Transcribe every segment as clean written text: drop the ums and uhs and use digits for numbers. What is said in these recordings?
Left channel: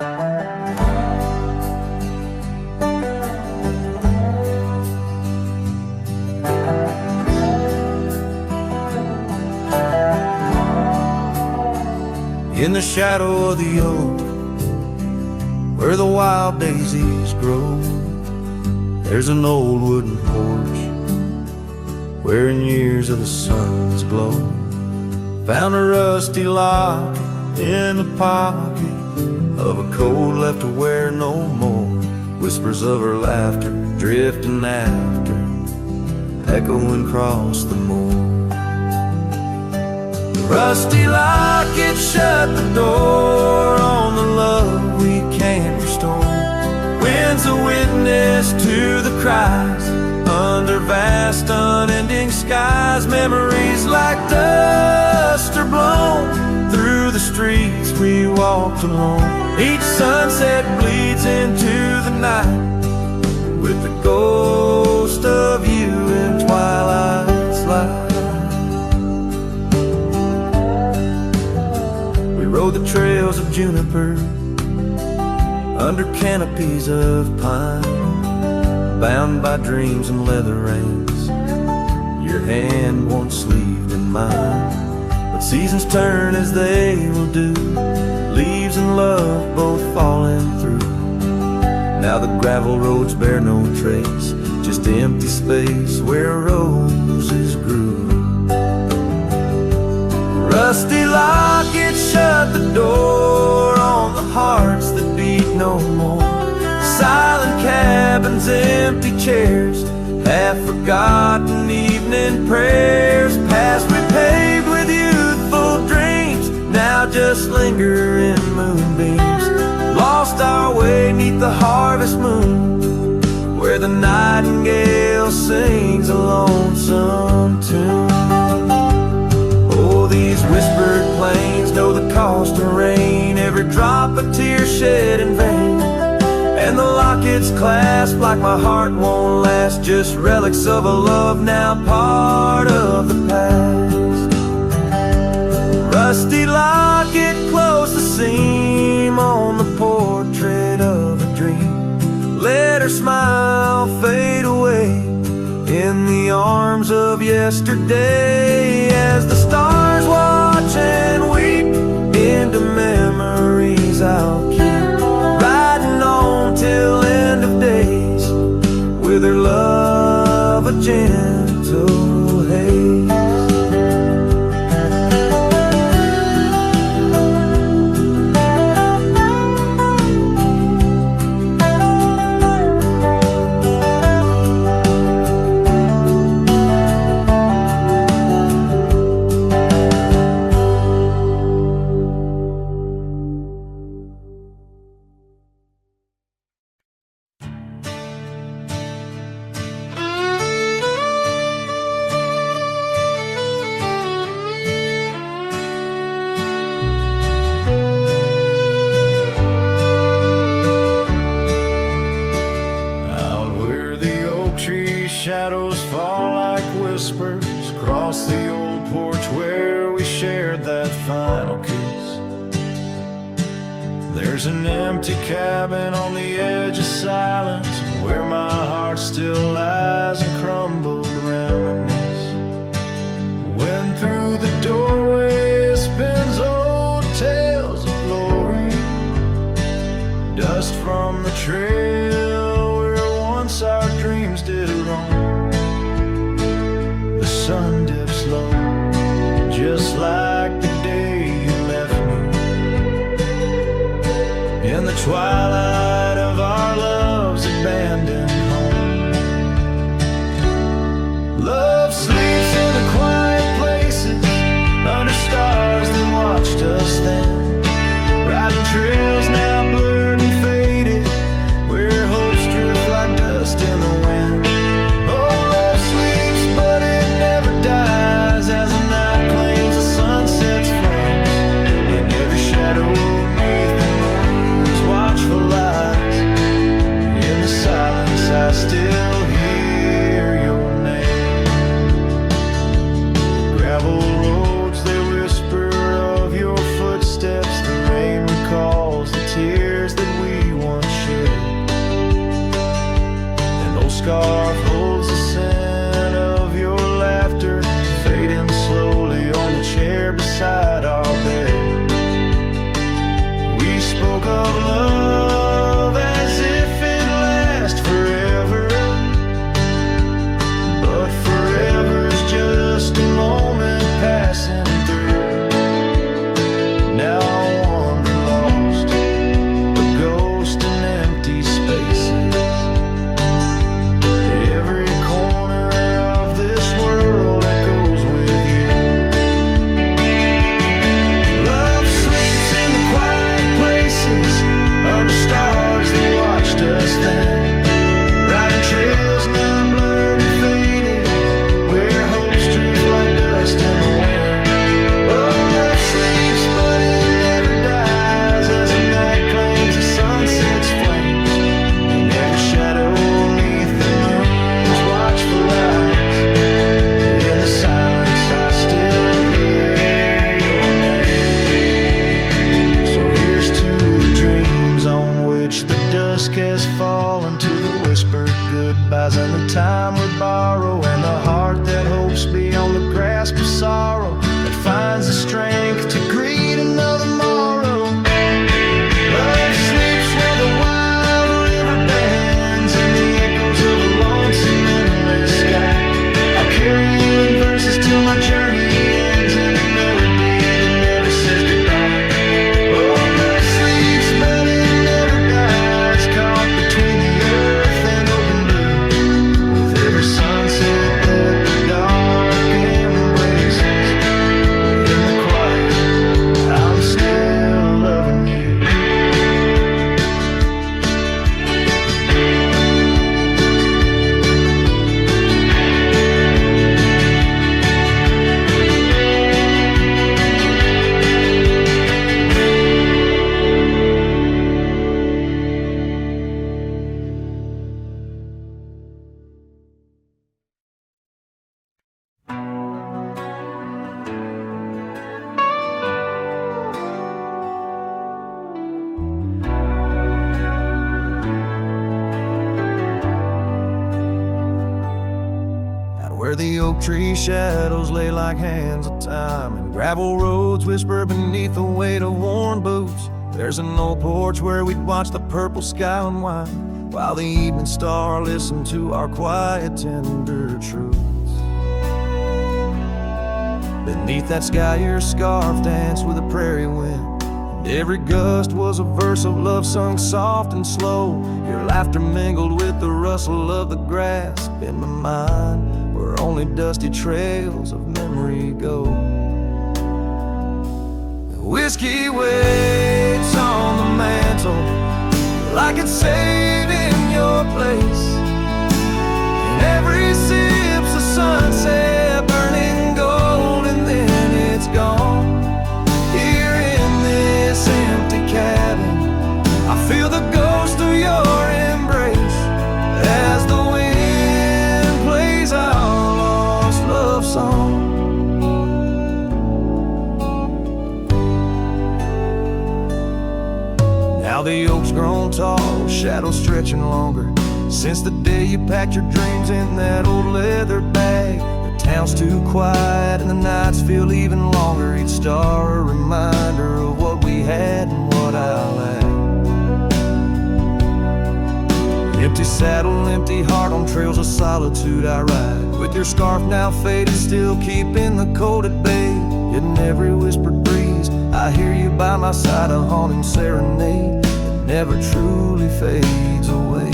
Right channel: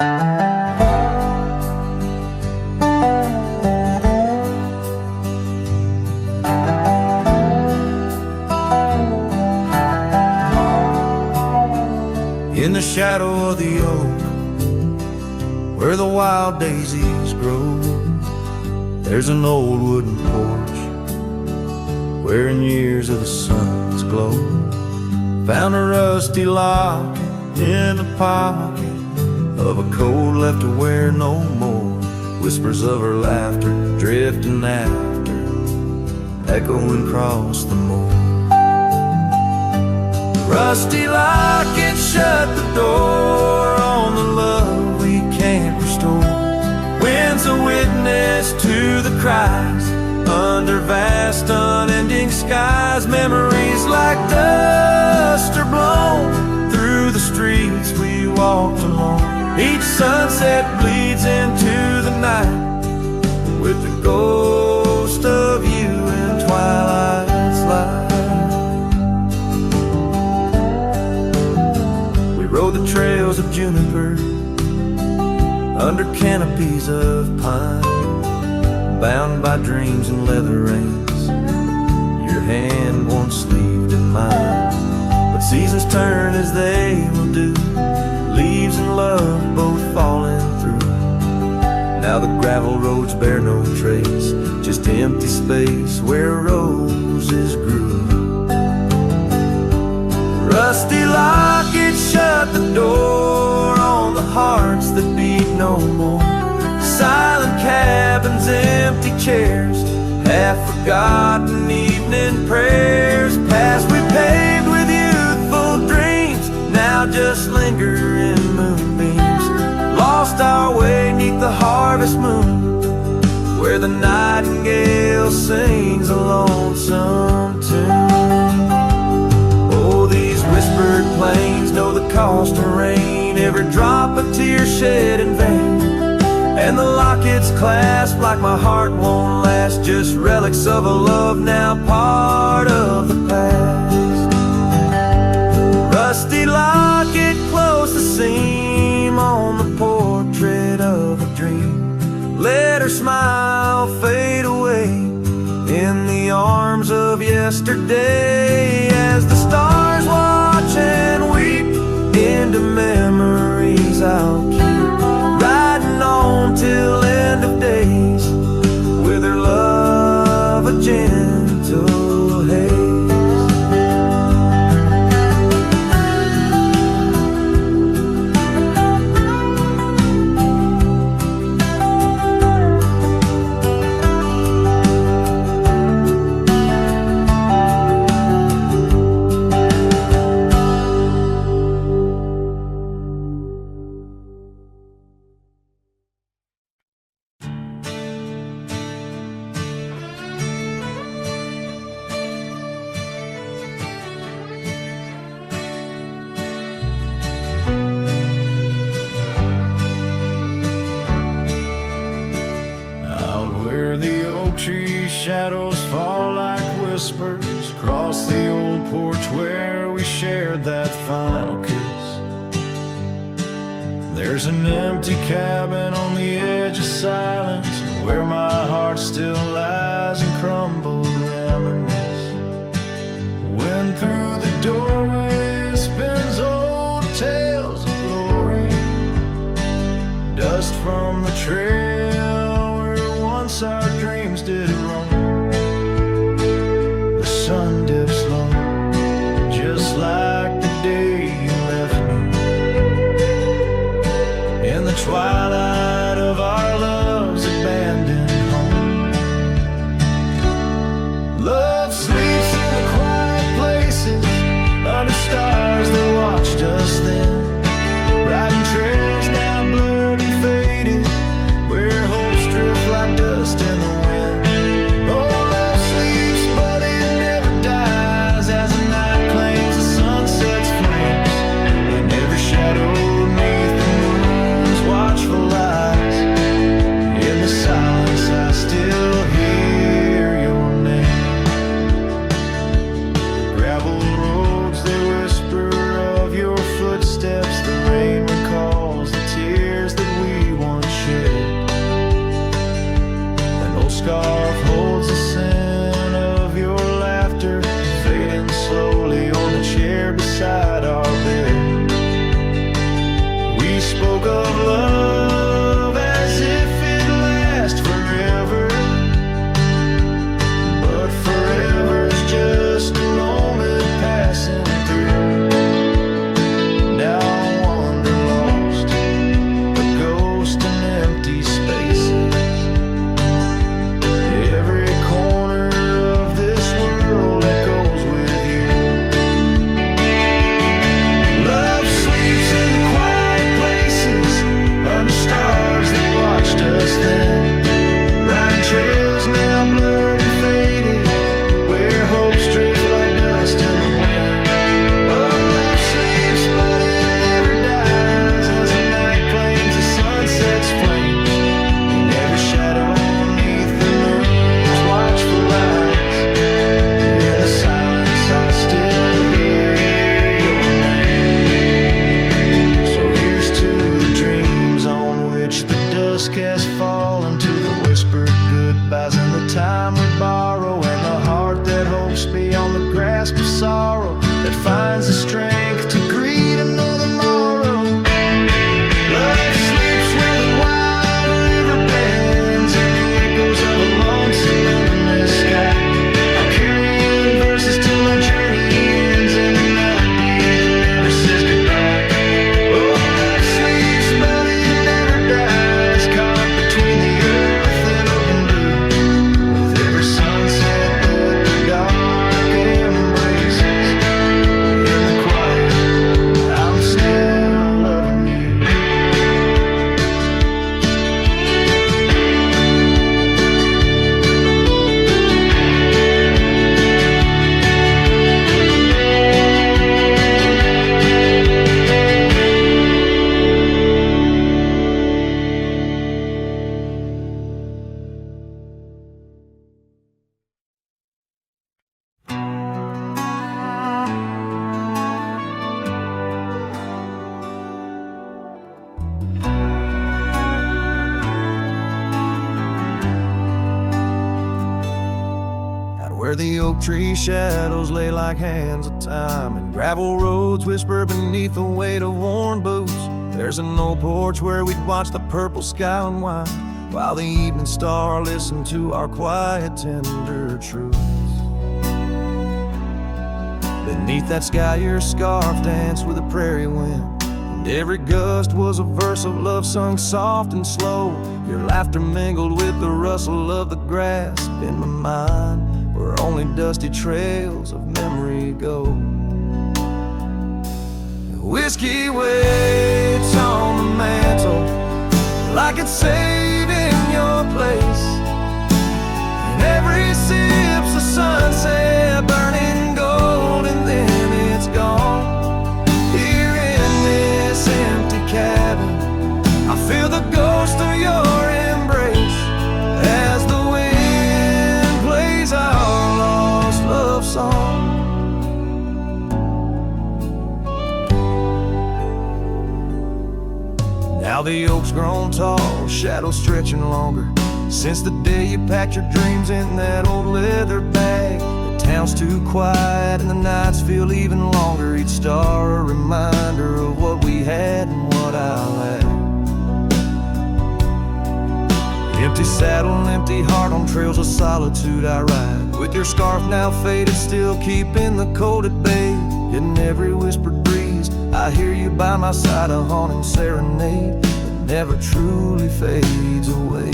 In the shadow of the oak, where the wild daisies grow, there's an old wooden porch where in years of the sun's glow found a rusty locket in the pocket of a coat left to wear no more. Whispers of her laughter drifting after, echoing across the moor. The rusty locket shut the door on the love we can't restore. Wind's a witness to the cries under vast unending skies. Memories like dust are blown through the streets we walked alone. Each sunset bleeds into the night with the ghost of you in twilight's light. We rode the trails of juniper under canopies of pine, bound by dreams and leather reins, your hand once sleeved in mine. But seasons turn as they will do, leaves and love both falling through. Now the gravel roads bear no trace, just empty space where roses grew. Rusty locket shut the door on the hearts that beat no more. Silent cabins, empty chairs, half-forgotten evening prayers. Past we paved with youthful dreams, now just linger in moonbeams. Lost our way 'neath the harvest moon, where the nightingale sings a lonesome tune. Oh, these whispered plains know the cost of rain, every drop a tear shed in vain. And the locket's clasp like my heart won't last, just relics of a love now part of the past. Rusty locket close the seam on the portrait of a dream. Let her smile fade away in the arms of yesterday, as the stars watch and weep into memories I'll keep, riding on till end of days with her love a gentle haze. Tree shadows fall like whispers across the old porch where we shared that final kiss. There's an empty cabin on the edge of silence where my heart still lies and crumbled reminisce. When through the doorway spins old tales of glory, dust from the trail where once our dreams did roam. The sun dips low, just like the day you left me, in the twilight of our love's abandoned home. Love sleeps in the quiet places, under stars that watched us then, riding trails now blurred and faded, where hopes drift like dust in the wind. Oh, love sleeps, but it never dies, as the night claims the sunset's flames, in every shadow neath the moon's watchful eyes. In the silence I still hear your name. The gravel roads, they whisper whisper of your footsteps, the rain recalls the tears that we once shed. An old scarf holds the scent of your laughter, fading slowly on the chair beside our bed. We spoke of love as if it lasts forever, but forever's just a moment passing through. Now I wander lost, a ghost in empty spaces. Every corner of this world echoes with you. Love sleeps in the quiet places, under stars that watched us then, riding trails now blurred and faded, where hopes drift like dust in the wind. Oh, love sleeps, but it never dies, as the night claims the sunset's flames, in every shadow neath the moon's watchful eyes. In the silence I still hear your name. So here's to the dreams on which the dusk has fallen, to the whispered goodbyes and the time we borrow, and the heart that hopes beyond the grasp of sorrow, that finds the strength to greet another morrow. Love sleeps where the wild river bends, in the echoes of a lonesome endless sky. I'll carry you in verses till my journey ends, in the melody that never says goodbye. Oh, love sleeps, but it never dies, caught between the earth and open blue, with every sunset that the dark embraces. In the quiet, I'm still loving you. Where the oak tree shadows lay like hands of time, and gravel roads whisper beneath the weight of worn boots, there's an old porch where we'd watch the purple sky unwind, while the evening star listened to our quiet, tender truths. Beneath that sky your scarf danced with the prairie wind, and every gust was a verse of love sung soft and slow. Your laughter mingled with the rustle of the grass in my mind, where only dusty trails of memory go. Whiskey waits on the mantle like it's saved in your place, and every sip's a sunset burning gold, and then it's gone. Here in this empty cabin, I feel the ghost of your embrace as the wind plays our lost love song. Now the oak's grown tall, shadows stretching longer, since the day you packed your dreams in that old leather bag. The town's too quiet and the nights feel even longer, each star a reminder of what we had and what I lacked. Empty saddle, empty heart, on trails of solitude I ride, with your scarf now faded, still keeping the cold at bay. Yet in every whispered breeze I hear you by my side, a haunting serenade that never truly fades away.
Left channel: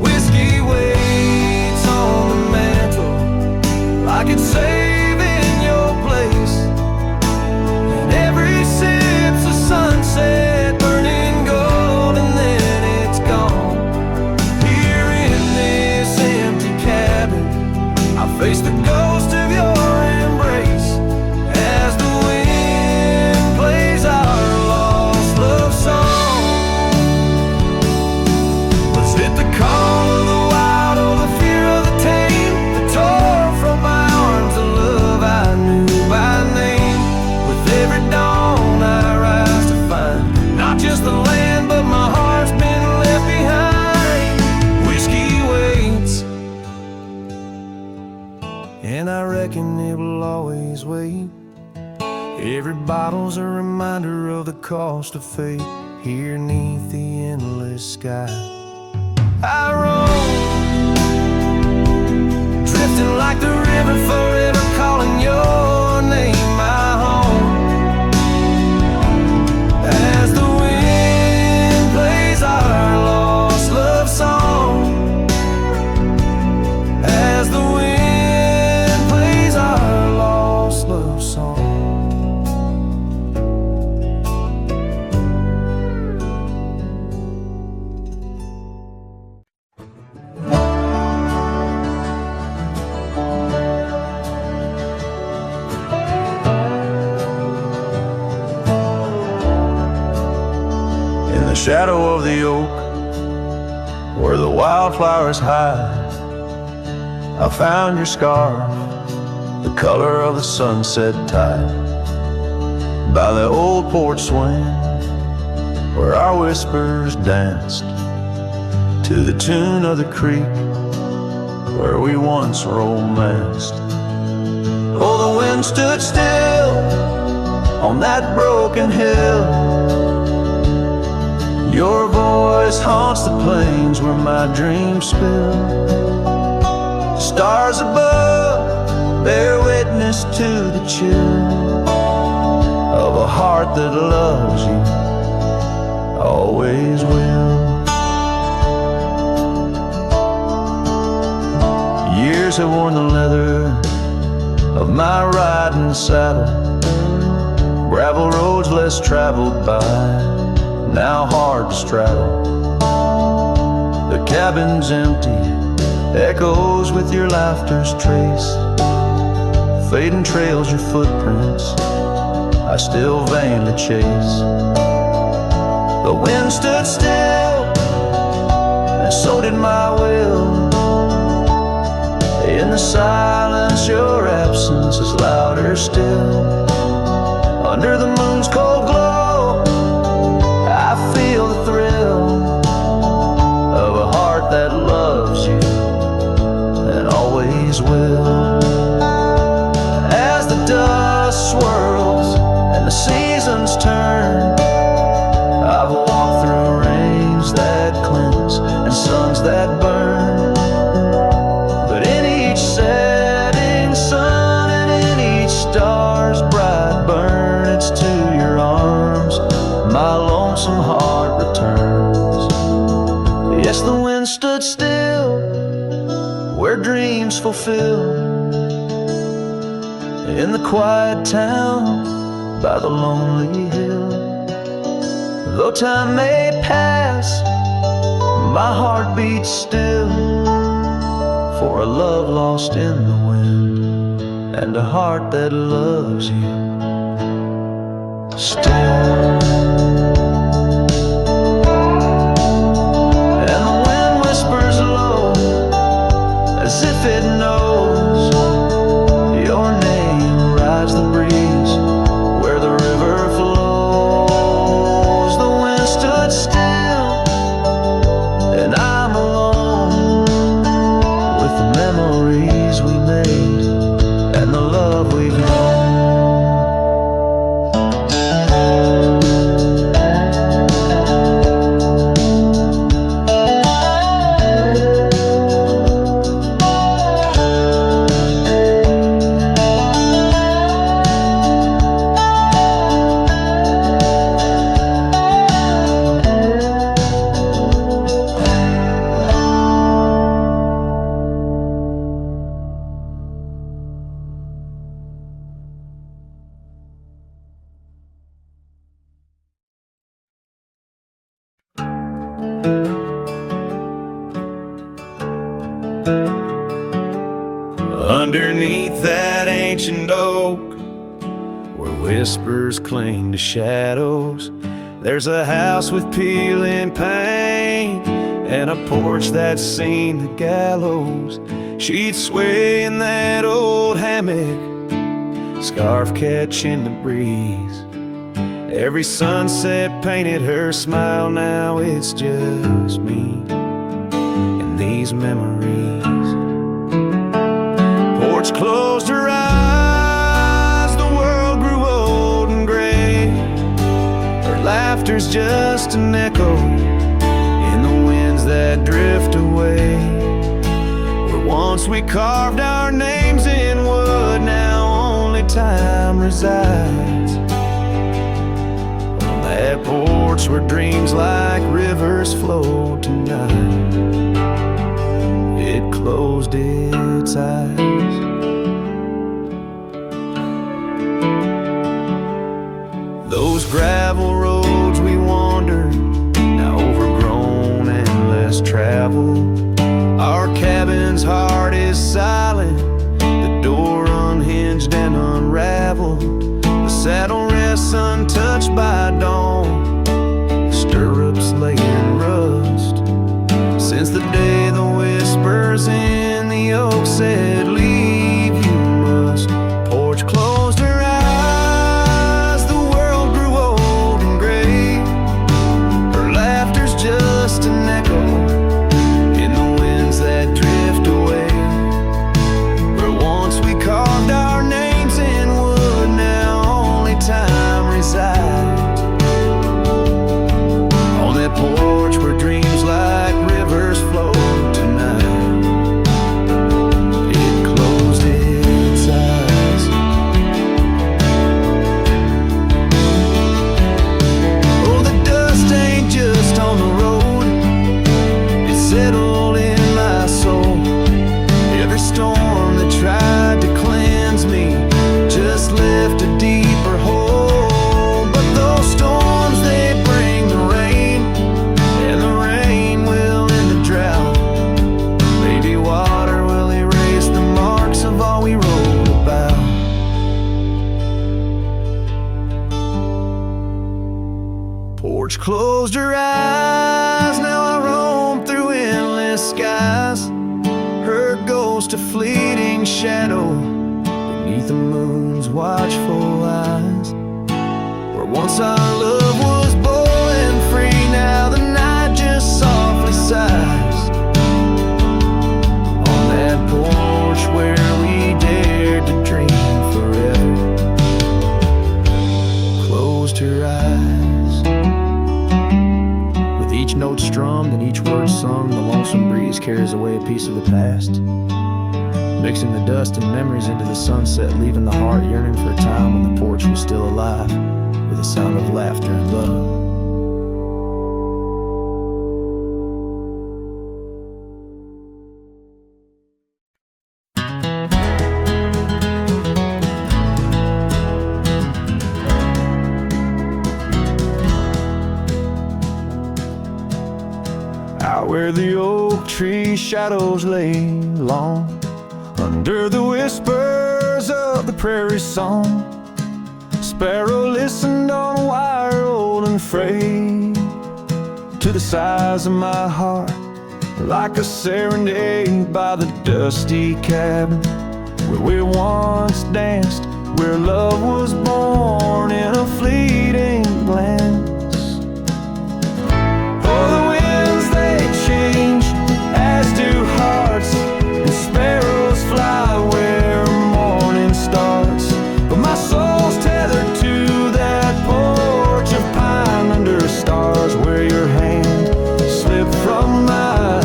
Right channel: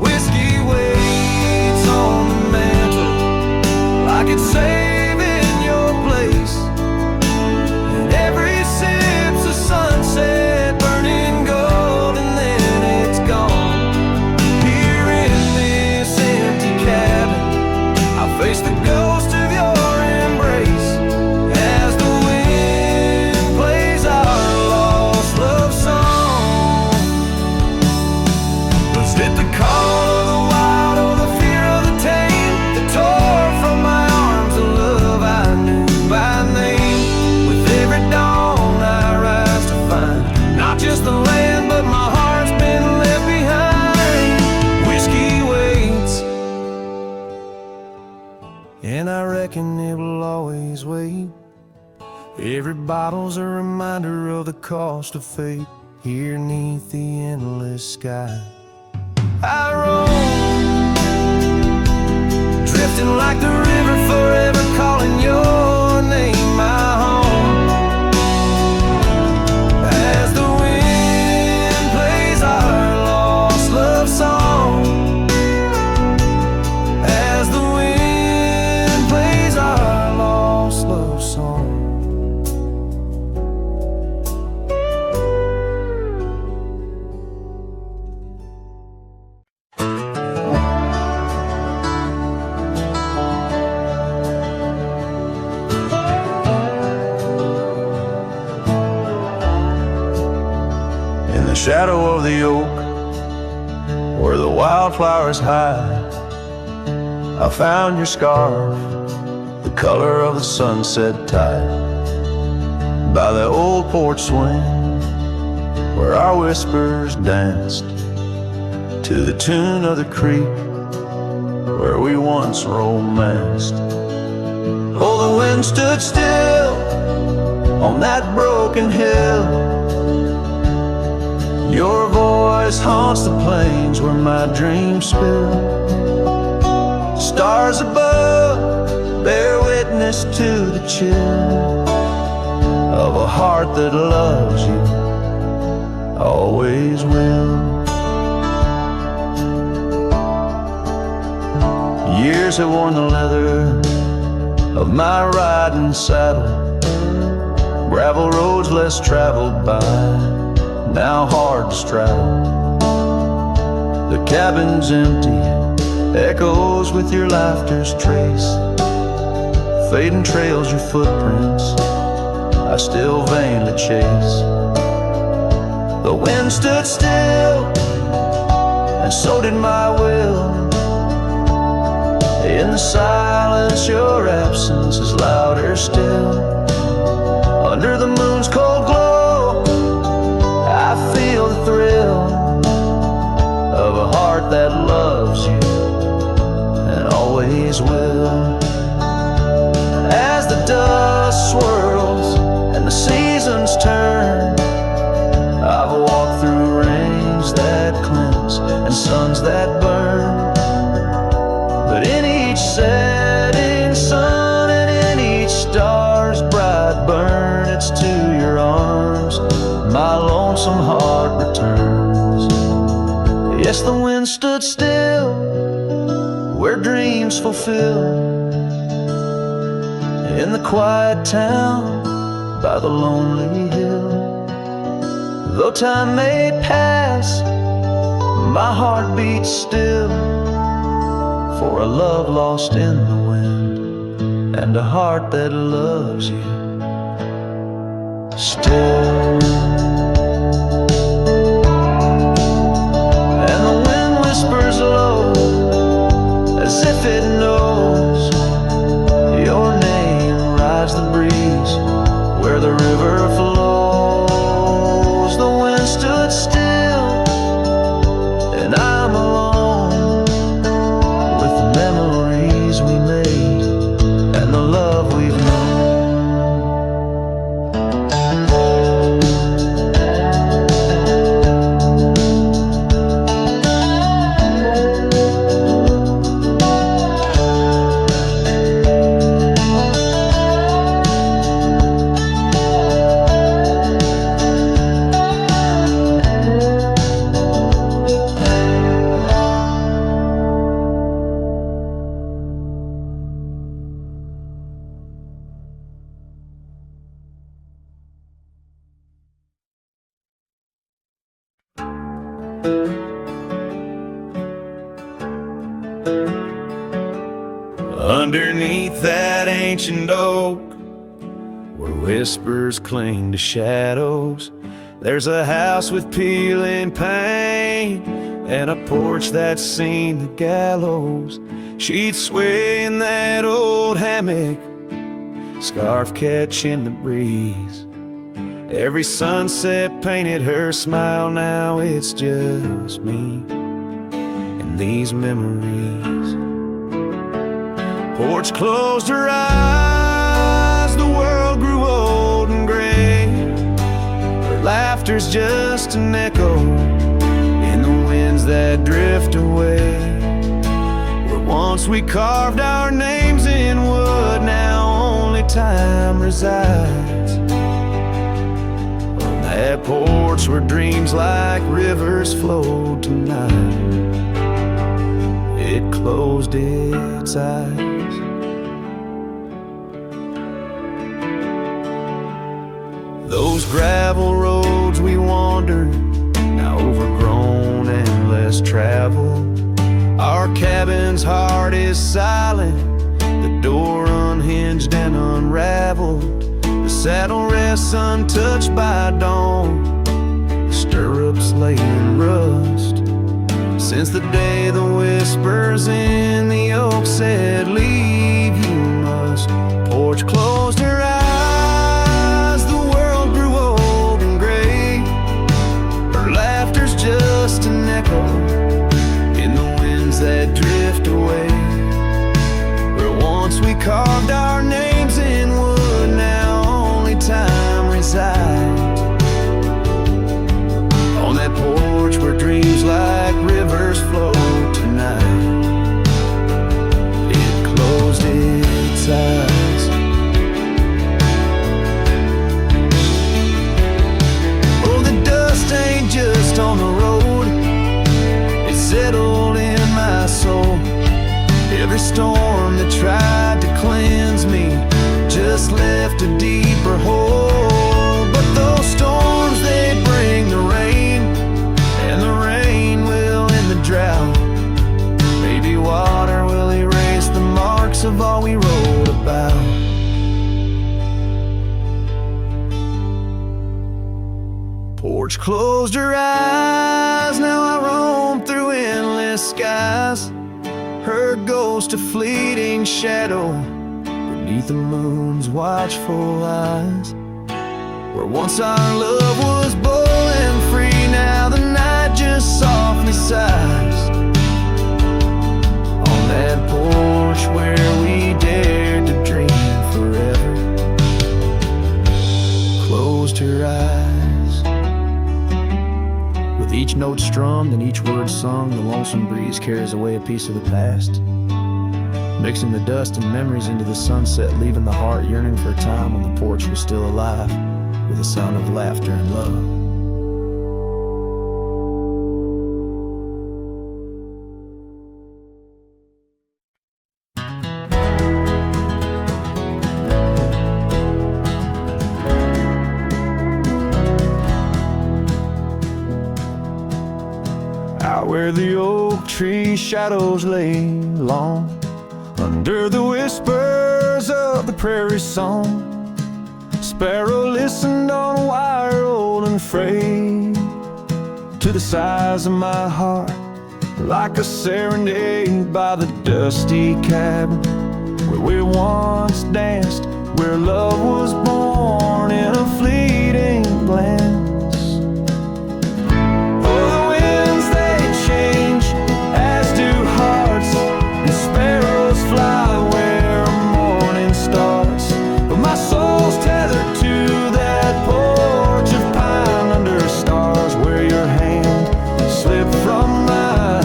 Whiskey waits on the mantle like it's saving your place, and every sip's a sunset burning gold, and then it's gone. Here in this empty cabin, I face the ghost of your embrace as the wind plays our lost love song. Was it the call of the wild or the fear of the tame that tore from my arms and love? just the land, but my heart's been left behind. Whiskey waits, and I reckon it will always wait. Every bottle's a reminder of the cost of fate. Here 'neath the endless sky I roam, drifting like the river, forever calling your name my home. As the wind plays our lost love song, as the wind plays our lost love song. In the shadow of the oak, where the wildflowers hide, I found your scarf, the color of the sunset tide. By the old porch swing, where our whispers danced, to the tune of the creek, where we once romanced. Oh, the wind stood still on that broken hill. Your voice haunts the plains where my dreams spill. Stars above bear witness to the chill of a heart that loves you, always will. Years have worn the leather of my riding saddle, gravel roads less traveled by, now hard to straddle. The cabin's empty, echoes with your laughter's trace, fading trails your footprints I still vainly chase. The wind stood still, and so did my will. In the silence your absence is louder still. Under the moon's cold glow I feel the thrill of a heart that loves you and always will. As the dust swirls and the seasons turn, I've walked through rains that cleanse and suns that burn, but in each setting sun and in each star's bright burn, it's to your arms my lonesome heart returns. Yes, the wind stood still where dreams fulfill, in the quiet town by the lonely hill. Though time may pass, my heart beats still, for a love lost in the wind and a heart that loves you still. And the wind whispers low as if it knows your name rides the breeze where the river flows. The wind stood still and I'm alone with the memories we made and the love we've known. Underneath that ancient oak, where whispers cling to shadows, there's a house with peeling paint and a porch that's seen the gallows. She'd sway in that old hammock, scarf catching the breeze, Every sunset painted her smile. Now it's just me and these memories. Porch closed her eyes, the world grew old and gray. Her laughter's just an echo in the winds that drift away. Where once we carved our names in wood, now only time resides. On that porch where dreams like rivers flowed tonight, it closed its eyes. Those gravel roads we wandered, now overgrown and less traveled. Our cabin's heart is silent, the door unhinged and unraveled. The saddle rests untouched by dawn, the stirrups lay in rust. Since the day the whispers in the oak said, "Leave you must." Porch closed her eyes, the world grew old and gray. Her laughter's just an echo in the winds that drift away. Where once we carved our names in wood, now only time resides. On that porch where dreams like rivers flow tonight, it closed its eyes. Oh, the dust ain't just on the road, it settled in my soul. Every storm that tried to cleanse me just left a deeper hole. But those storms, they bring the rain, and the rain will end the drought. Maybe water will erase the marks of all we wrote about. Porch closed her eyes, now I roam through endless skies. Her ghost a fleeting shadow beneath the moon's watchful eyes. Where once our love was bold and free, now the night just softly sighs. On that porch where we dared to dream forever, closed her eyes. With each note strummed and each word sung, the lonesome breeze carries away a piece of the past, mixing the dust and memories into the sunset, leaving the heart yearning for a time when the porch was still alive, with a sound of laughter and love. Out where the oak tree shadows lay long, under the whispers of the prairie song, sparrow listened on a wire old and frayed to the size of my heart, like a serenade by the dusty cabin where we once danced, where love was born in a fleeting glance. Oh, the winds they change, as do hearts, and sparrows fly where morning starts. But my soul's tethered to that porch of pine under stars, where your hand slipped from mine.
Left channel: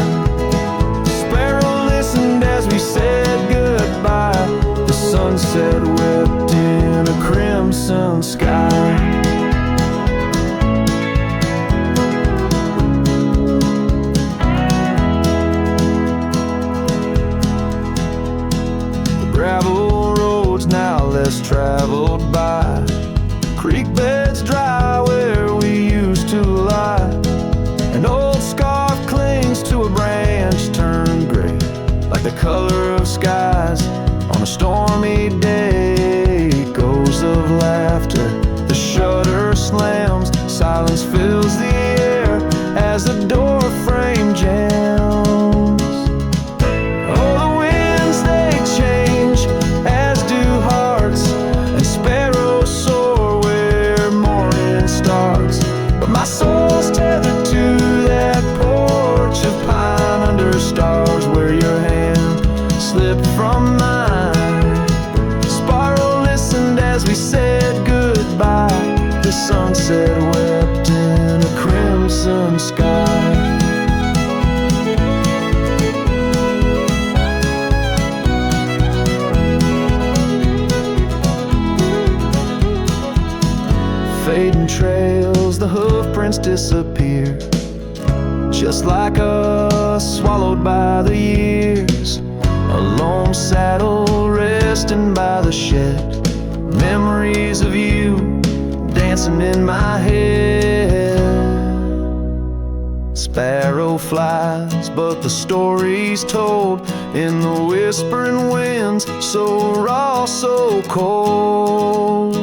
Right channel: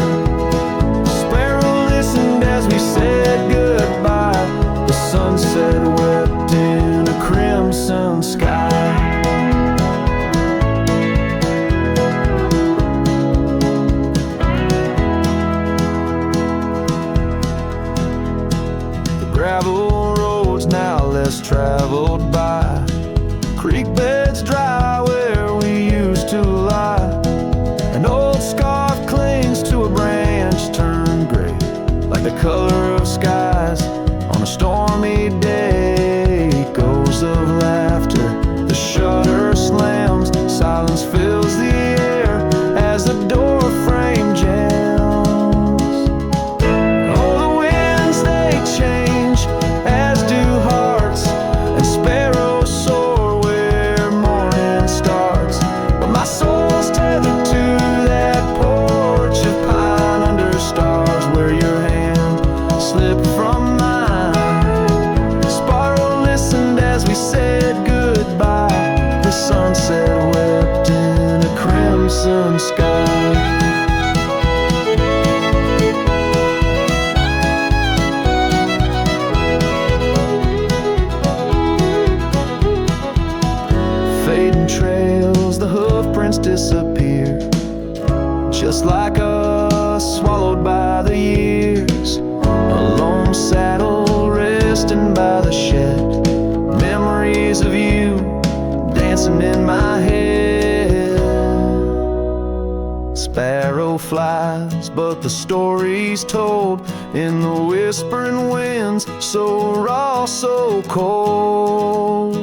Sparrow listened as we said goodbye. The sunset wept in a crimson sky. Gravel roads now less traveled by, creek beds dry where we used to lie. An old scarf clings to a branch turned gray, like the color of skies on a stormy day. Echoes of laughter, the shutter slams, silence fills the air as the door frame jams. Oh, the winds they change, as do hearts, and sparrows soar where morning sunset wept in a crimson sky. Fading trails, the hoof prints disappear, just like us, swallowed by the years. A lone saddle resting by the shed, memories of you dancing in my head. Sparrow flies, but the story's told in the whispering winds, so raw, so cold.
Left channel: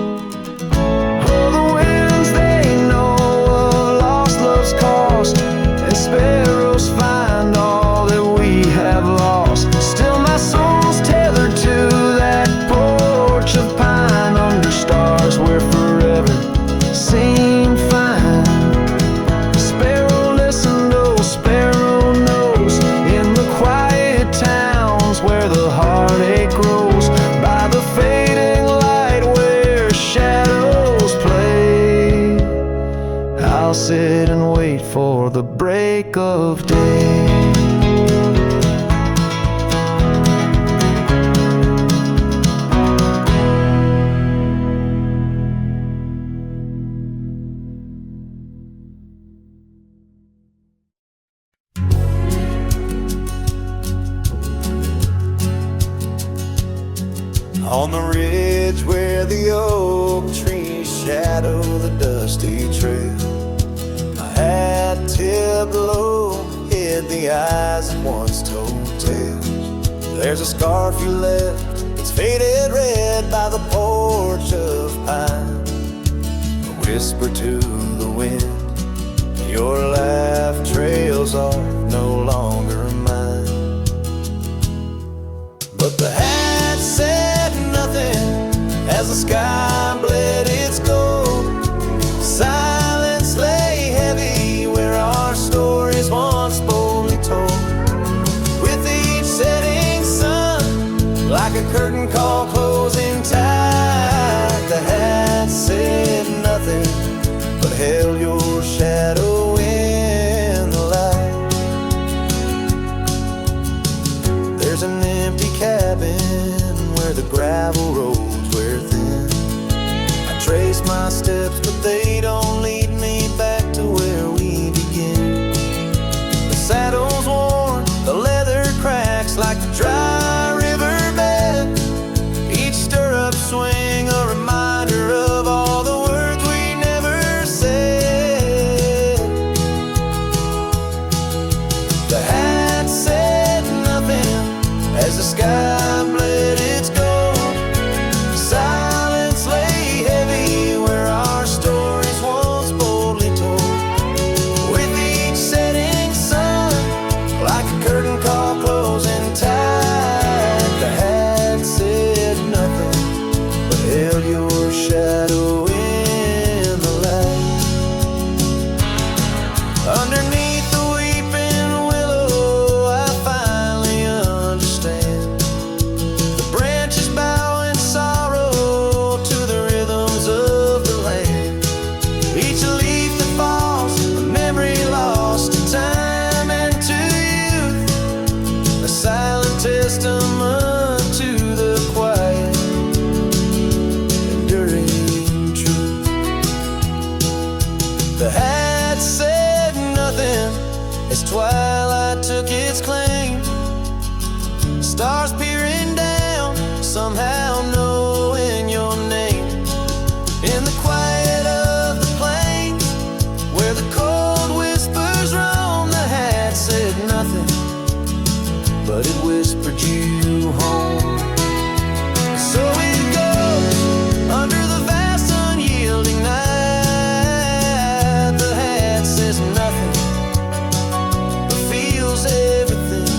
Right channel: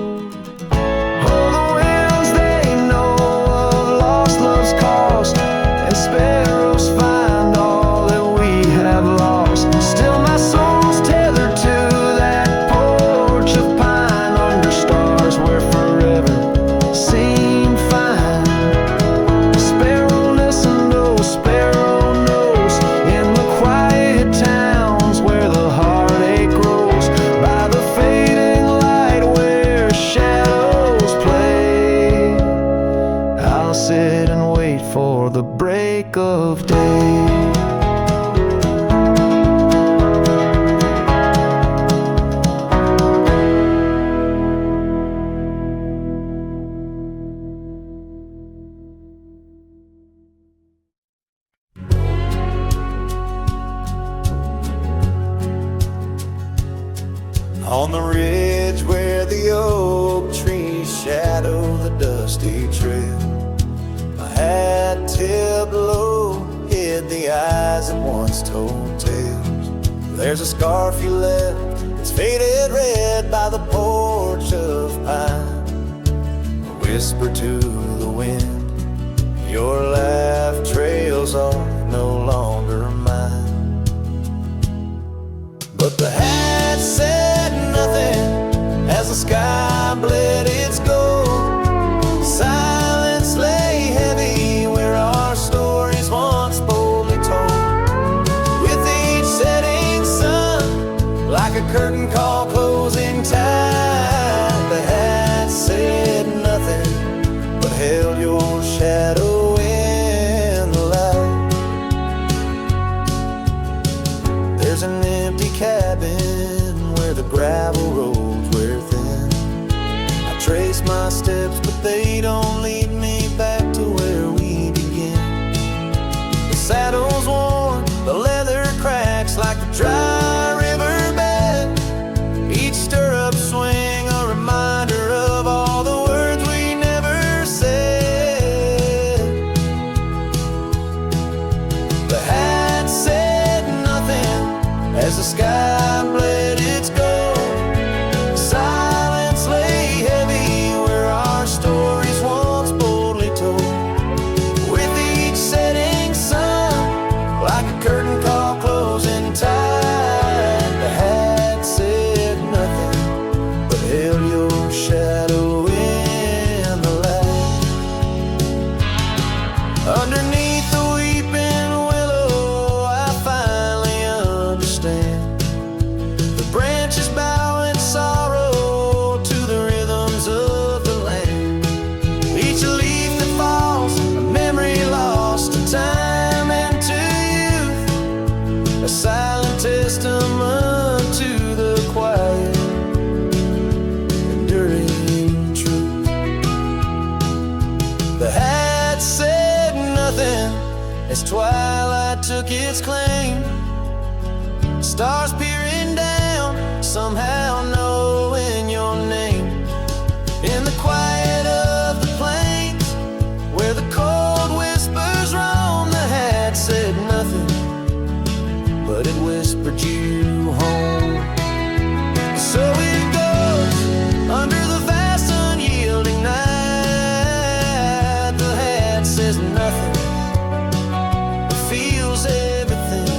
And sparrows find all that we have lost. Still my soul's tethered to that porch of pine under stars where forever seemed fine. Sparrow listen, oh sparrow knows, in the quiet towns where the heartache grows, by the fading light where shadows play, I'll sit and wait for the break of day. On the ridge where the oak trees shadow the dusty trail, hat tipped low hid the eyes that once told tales. There's a scarf you left, it's faded red by the porch of pine. A whisper to the wind, your laugh trails off, no longer mine. But the hat said nothing as the sky bled its gold. Silence lay heavy where our stories once boldly told. With each setting sun, like a curtain call closing tight, the hat said nothing but held your shadow in the light. There's an empty cabin where the gravel roads wear thin. Trace my steps, but they don't lead me back to where we begin. The saddle's worn, the leather cracks like the dry riverbed. Each stirrup swing a reminder of all the words we never said. The hat said nothing as the sky bled its gold. Silence lay heavy where our stories once boldly told. With each setting sun, like a curtain call closing tight, the hat said nothing but held your shadow in the light. Underneath the weeping willow, I finally understand. The branches bow in sorrow to the rhythms of the land. Each leaf that falls, a memory lost to time and to youth, a silent testament to the quiet, enduring truth. The hat said nothing as twilight took its claim. Stars peering down, somehow knowing your name. In the quiet of the plains, where the cold whispers roam, the hat said nothing, but it whispered you home. And so it goes, under the vast unyielding night, the hat says nothing, but feels everything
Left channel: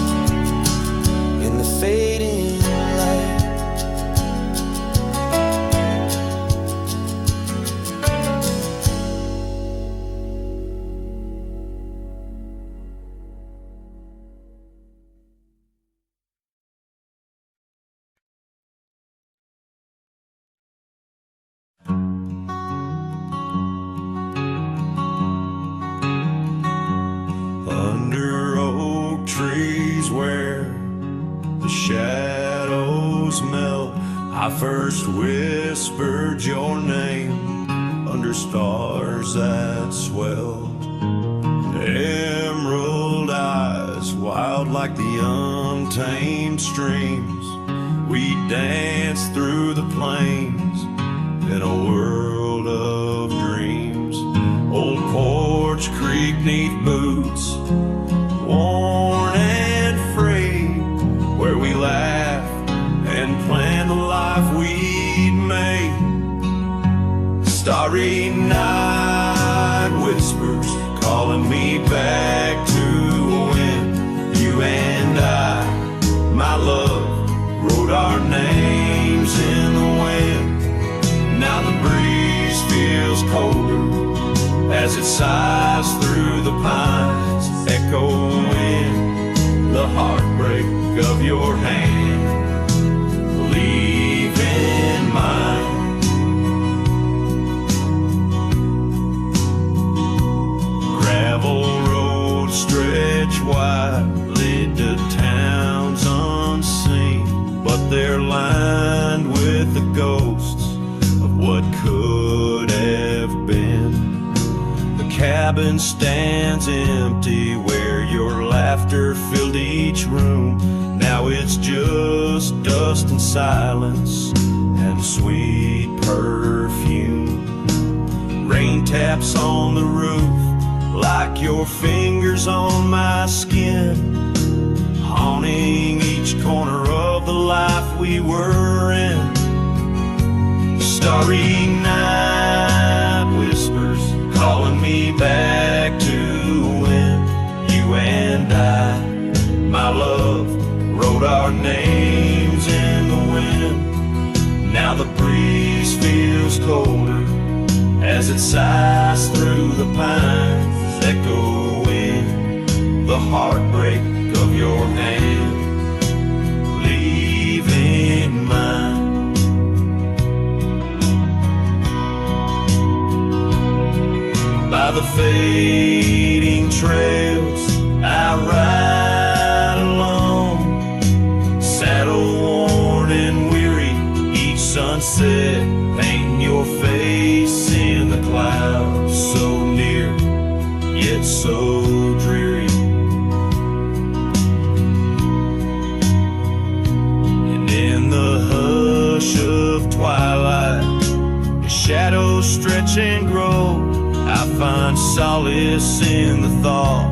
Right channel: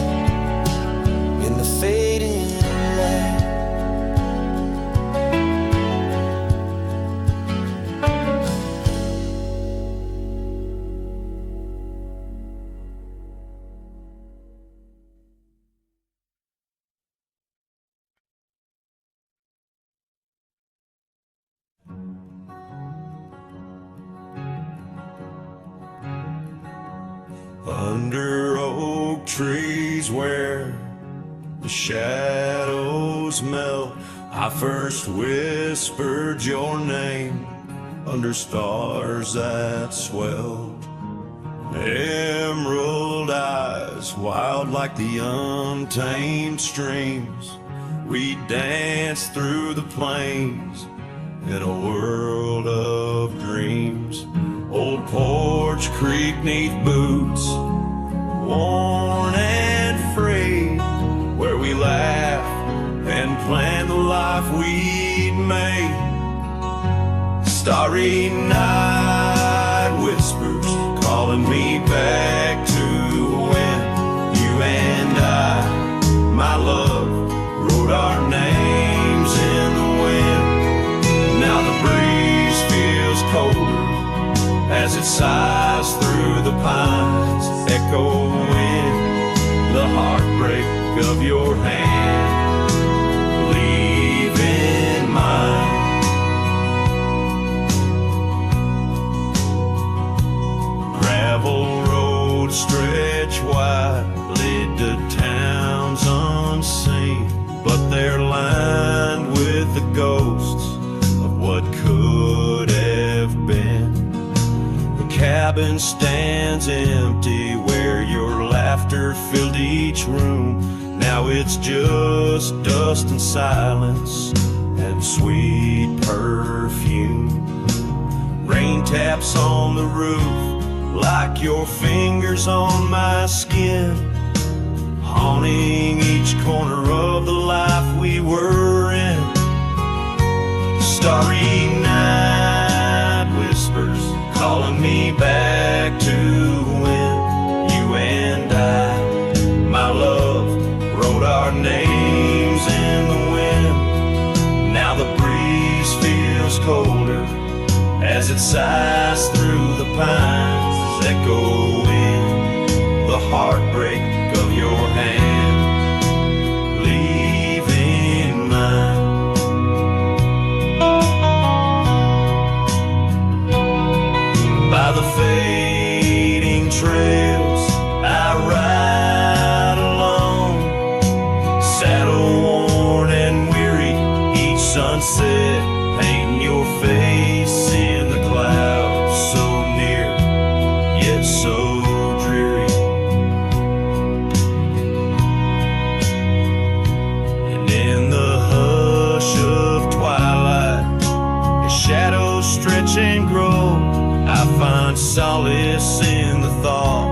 in the fading light. under oak trees where the shadows melt. I first whispered your name under stars that swelled. Emerald eyes, wild like the untamed streams, we danced through the plains in a world of dreams. Old Porch Creek 'neath boots, worn and frayed, where we laughed and planned the life we'd made. Starry night whispers calling me back to when you and I, my love, wrote our names in the wind. Now the breeze feels colder as it sighs through the pines, echoing the heartbreak of your hand, leaving mine. Gravel roads stretch wide, lead to towns unseen, but they're lined with the ghosts of what could have been. The cabin stands empty where your laughter filled each room. Now it's just dust and silence and sweet perfume. Rain taps on the roof like your fingers on my skin, haunting each corner of the life we were in. Starry night whispers calling me back to when you and I, my love, wrote our names in the wind. Now the breeze feels colder as it sighs through the pines, echoing the heartbreak of your hand, leaving mine. By the fading trails I ride alone, saddle worn and weary, each sunset painting your face in the clouds, so near yet so dreary. And in the hush of twilight, as shadows stretch and grow, I find solace in the thought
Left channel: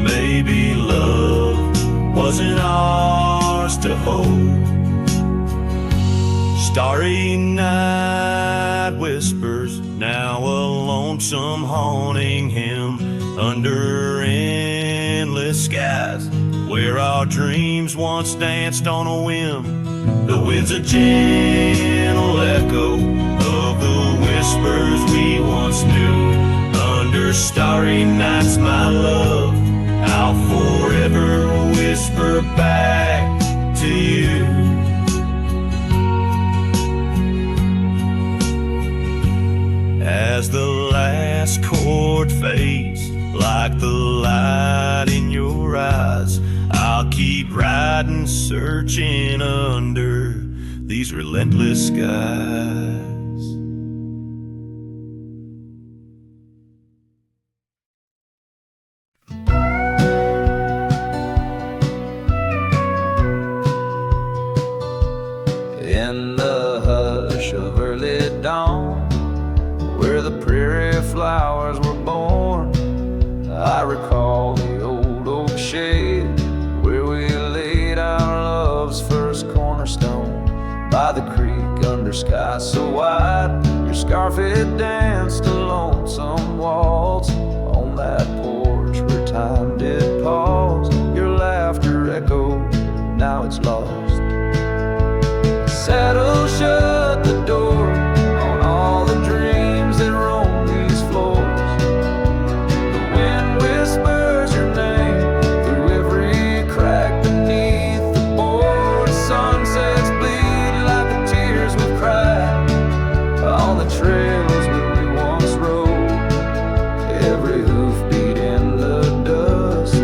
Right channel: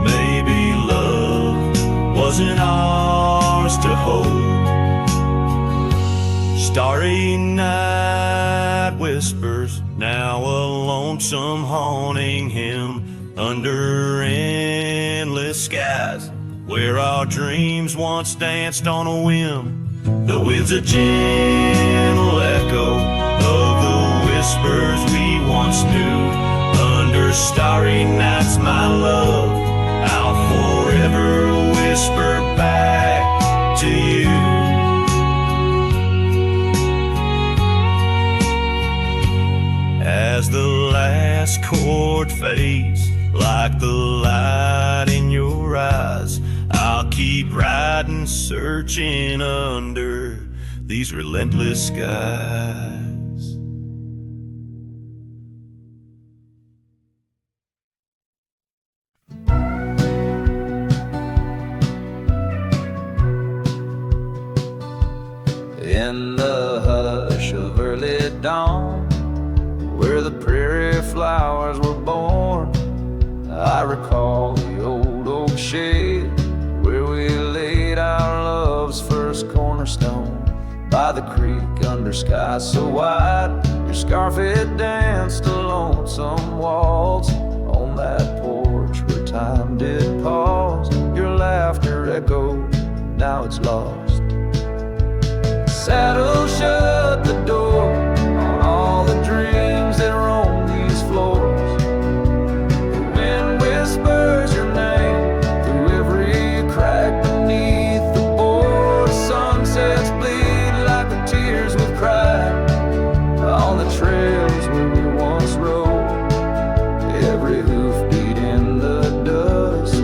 maybe love wasn't ours to hold. Starry night whispers, now a lonesome haunting him under endless skies, where our dreams once danced on a whim. The wind's a gentle echo of the whispers we once knew. Under starry nights, my love, I'll forever whisper back to you. As the last chord fades, like the light in your eyes, I'll keep riding, searching under these relentless skies. In the hush of early dawn, where the prairie flowers were born, I recall the old oak shade where we laid our love's first cornerstone. By the creek under sky so wide, your scarf it danced a lonesome waltz on that porch where time did pause. Your laughter echoed, now it's lost. Saddle shut the door on all the dreams that roam these floors. The wind whispers your name through every crack beneath the board. Sunsets bleed like the tears we've cried on the trails where we once rode. Every hoof beat in the dust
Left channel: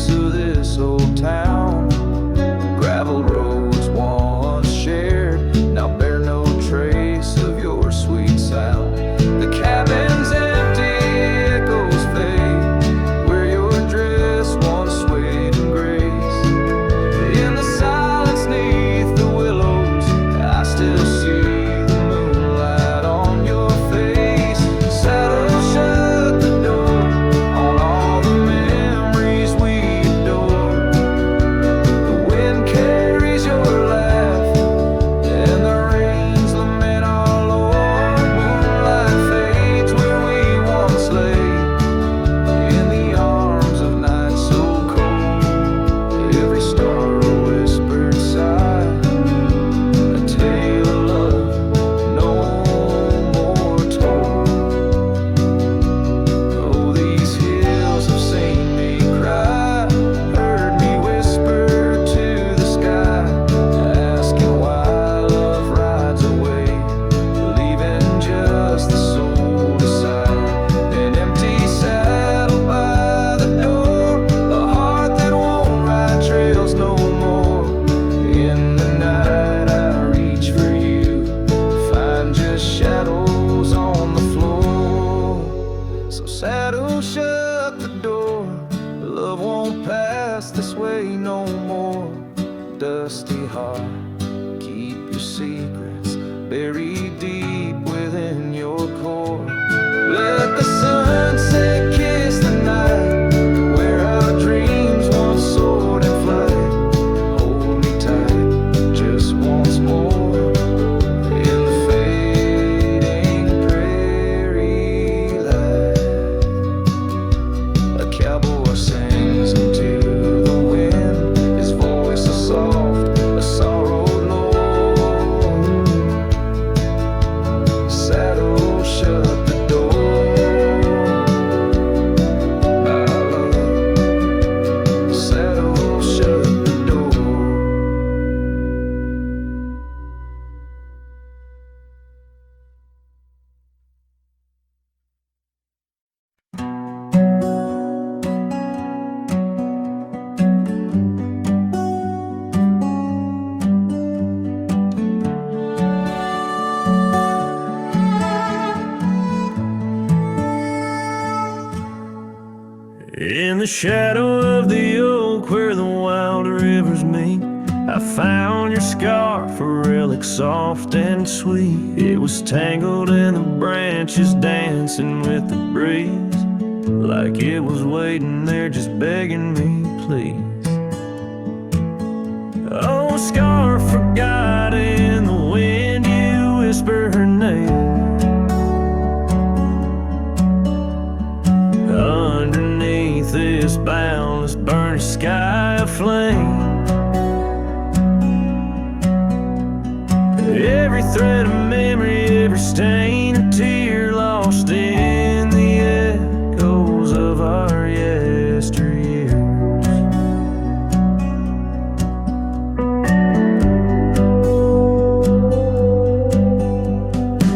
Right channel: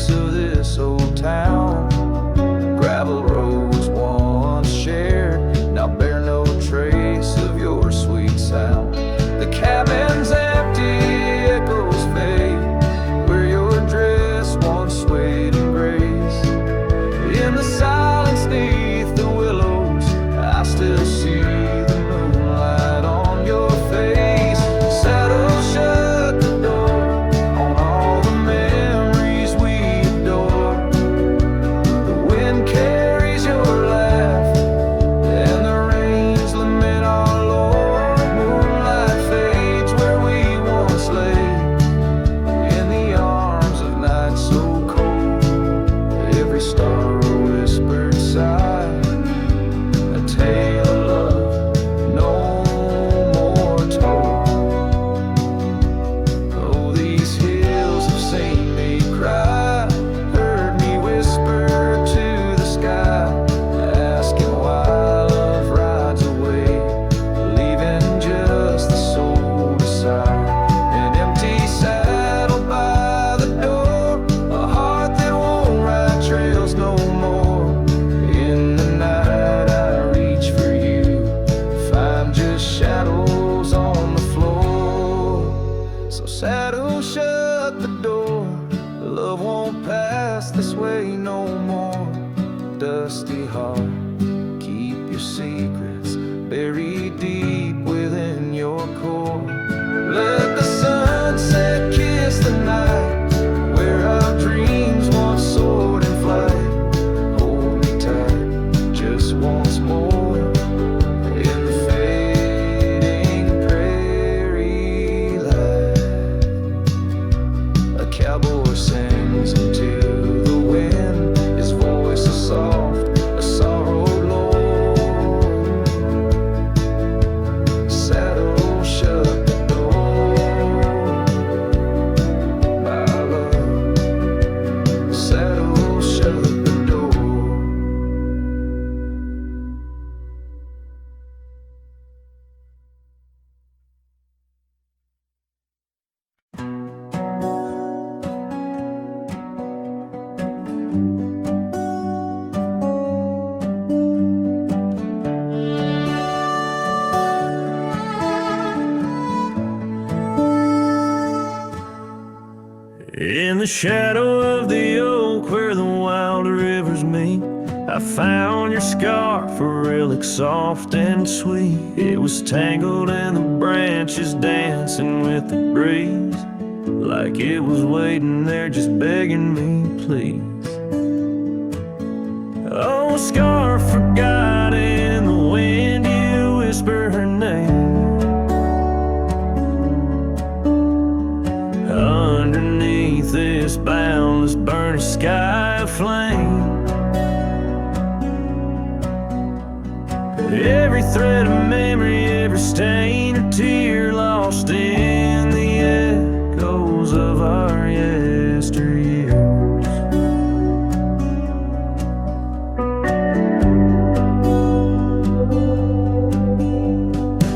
streets of this old town. Gravel roads once shared now bear no trace of your sweet sound. The cabin's empty, echoes fade where your dress once swayed in grace. In the silence neath the willows, I still see the moonlight on your face. Saddle shut the door on all the memories we adore. The wind carries your laugh and the rains lament our Lord. Moonlight fades where we once lay in the arms of night so cold. Every star a whispered sigh, a tale of love no more told. Oh, these hills have seen me cry, heard me whisper to the sky, asking why love rides away, leaving just the soul to sigh. An empty saddle by the door, a heart that won't ride trails no more. In the night I reach for you, find just shadows on the floor. So saddle shut the door, love won't pass this way no more. Dusty heart, keep your secrets buried deep within your core. Let the sunset kiss the night where our dreams once soared in flight. Hold me tight just once more in the fading prairie light. A cowboy sings into the wind, his voice a soft, a sorrowed lord. Saddle shut the door, my love. Saddle shut the door. In the shadow of the oak where the wild rivers meet, I found your scarf, a relic soft and sweet. It was tangled in the branches, dancing with the breeze, like it was waiting there just begging me, please. Oh, scarf forgot in the wind, you whisper her name. Underneath this boundless burning sky of flame, every thread of memory, every stain or tear lost in the echoes of our yesteryears.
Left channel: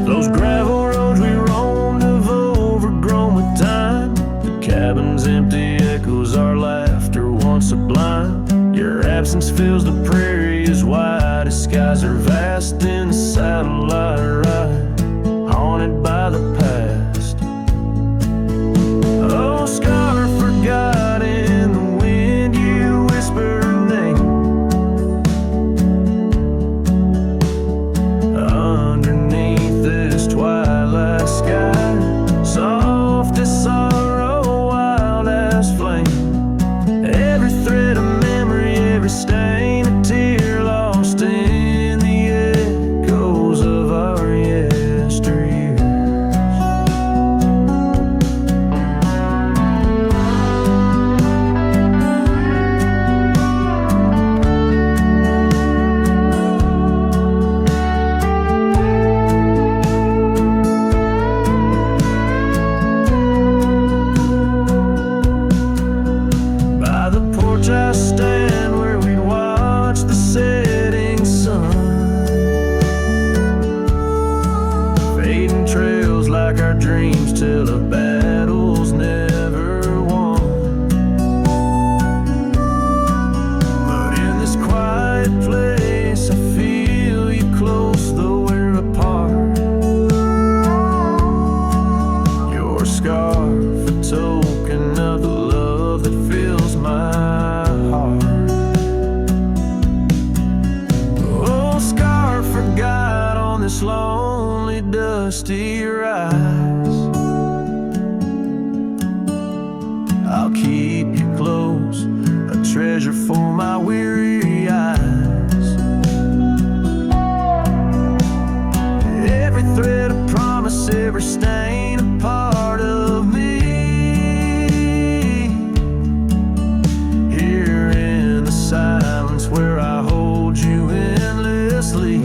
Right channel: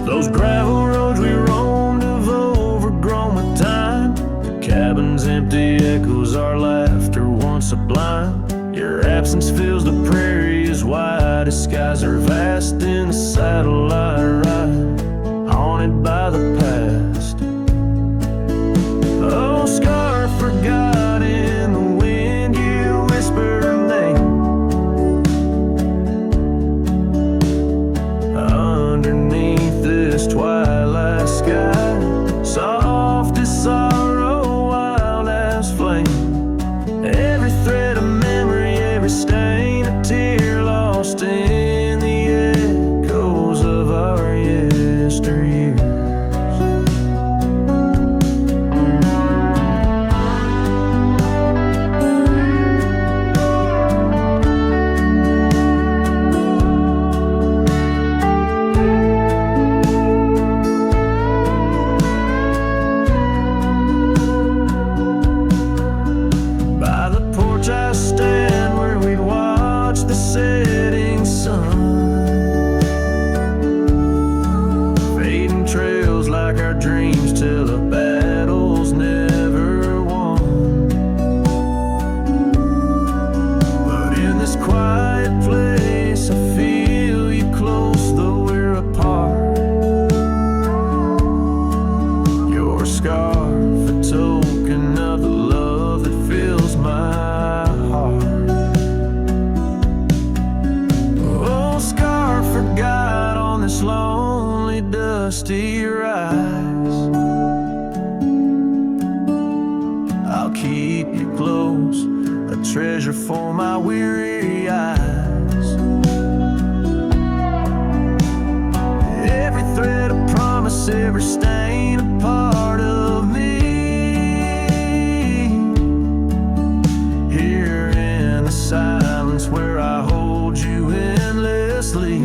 Those gravel roads we roamed have overgrown with time. Cabin's empty echoes our laughter once sublime. Your absence fills the prairie as wide as skies are vast. In the saddle I ride, haunted by the past. Oh, scarf forgot in the wind, you whisper her name. Underneath this twilight sky, soft as sorrow, wild as flame. Every thread of memory, every stain a tear lost in the echoes of our yesteryears. By the porch I stand where we'd watch the setting sun, fading trails like our dreams tell of battles never won. scarf, a token of the love that fills my heart. Oh, scarf forgot on this lonely, dusty rise. I'll keep you close, a treasure for my weary eyes. Every thread of promise, every stain a part of me. Here in the silence where I hold you endlessly.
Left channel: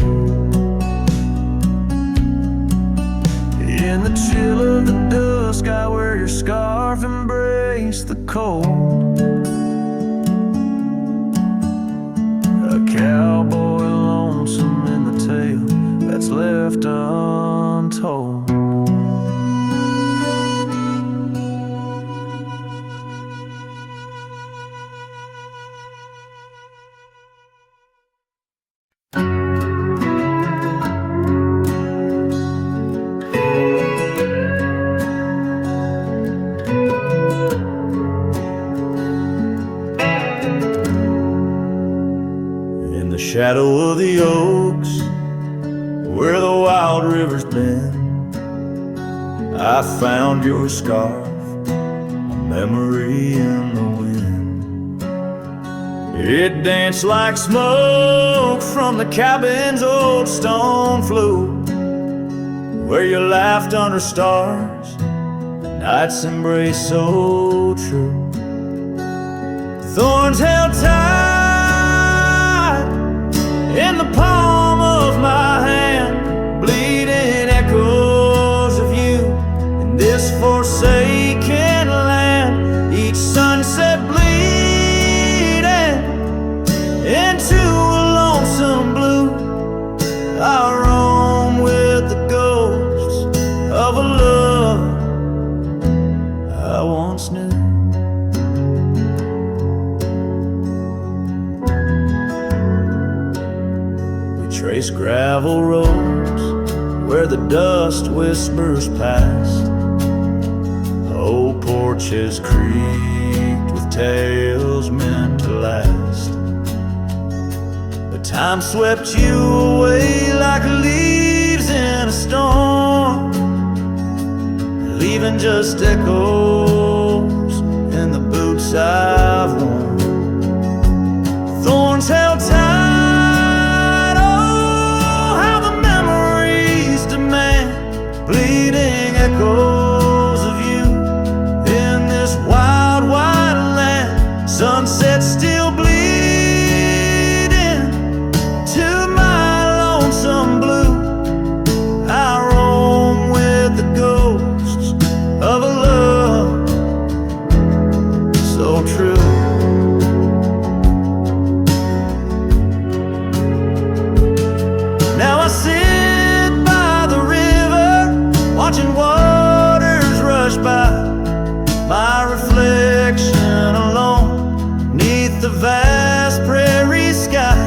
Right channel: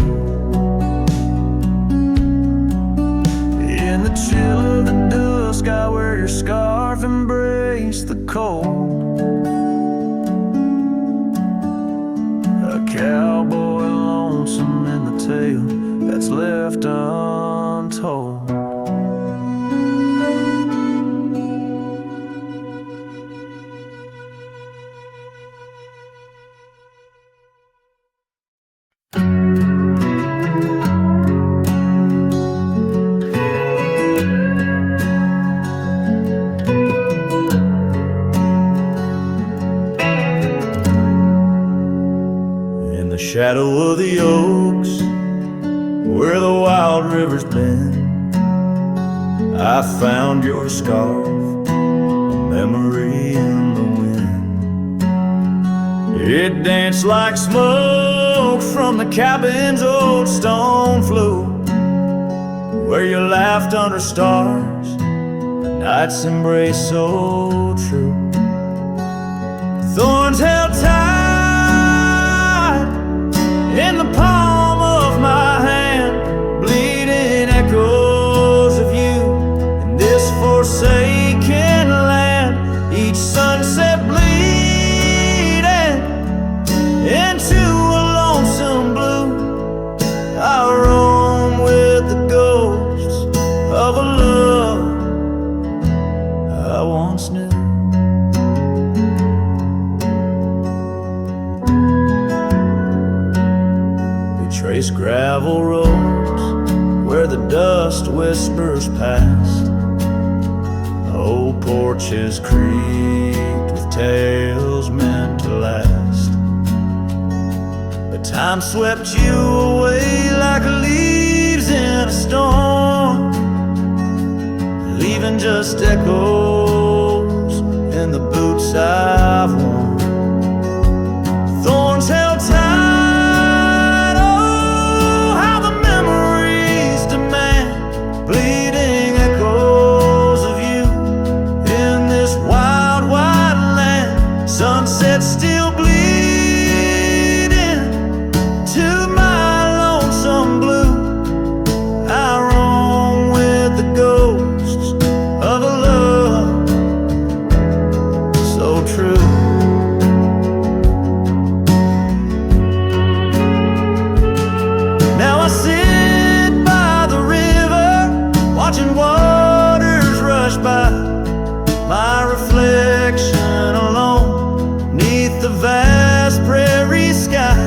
In the chill of the dusk, I wear your scarf, embrace the cold. A cowboy lonesome in the tale that's left untold. In the shadow of the oaks, where the wild river's been, I found your scarf, a memory in the wind. It danced like smoke from the cabin's old stone floor, where you laughed under stars, the night's embrace so true. Thorns held tight in the palm of my hand, bleeding echoes of you in this forsaken land. Each sunset bleeding into a lonesome blue. I roam with the ghosts of a love I once knew. Trace gravel roads where the dust whispers past. Old porches creaked with tales meant to last. But time swept you away like leaves in a storm, leaving just echoes in the boots I've worn. Thorns held tight, bleeding echoes of you in this wild, wide land. Sunset still bleeding to my lonesome blue. I roam with the ghosts of a love so true. Now I sit by the river, watching waters rush by, my reflection alone 'neath the vast prairie sky.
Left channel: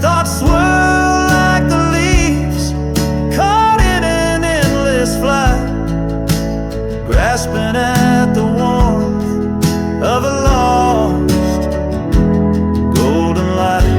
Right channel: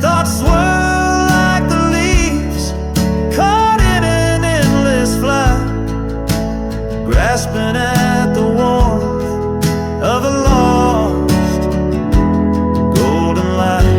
Thoughts swirl like the leaves caught in an endless flight, grasping at the warmth of a lost golden light.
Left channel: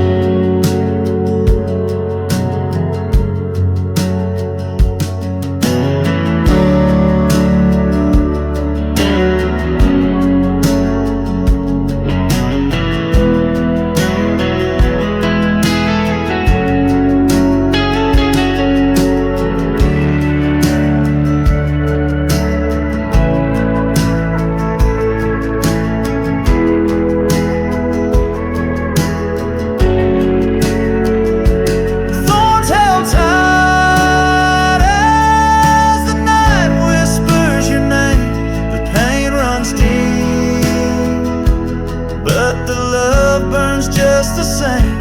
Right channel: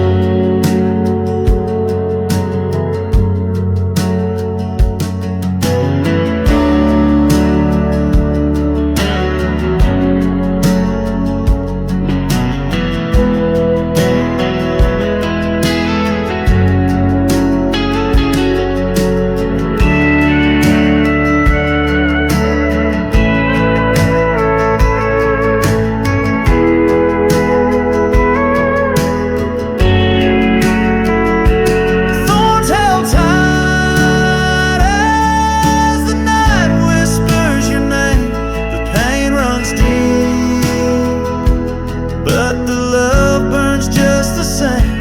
Just the same,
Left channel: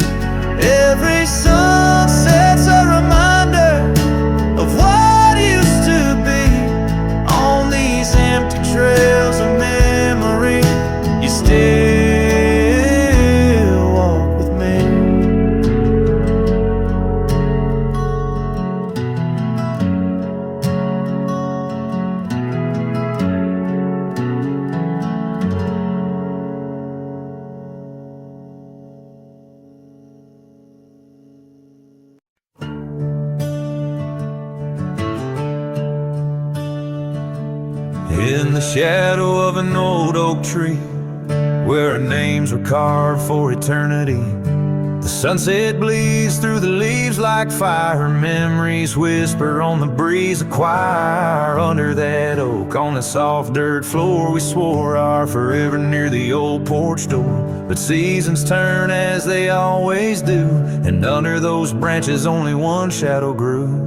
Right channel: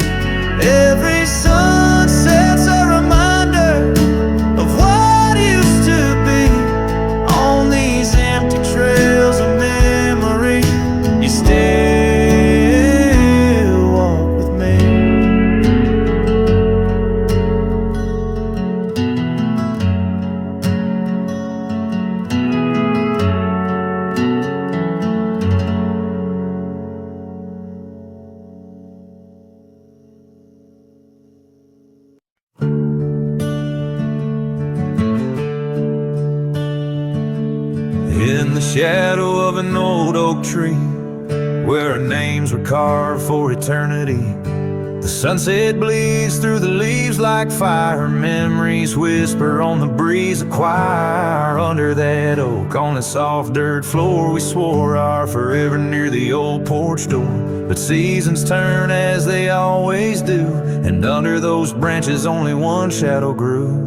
every sunset's a reminder of what used to be. On these empty trails of memory, you still walk with me. in the shadow of an old oak tree, where our names were carved for eternity. The sunset bleeds through the leaves like fire. Memories whisper on the breeze, a choir under that oak. On the soft dirt floor we swore our forever near the old porch door. But seasons turn as they always do, and under those branches only one shadow grew.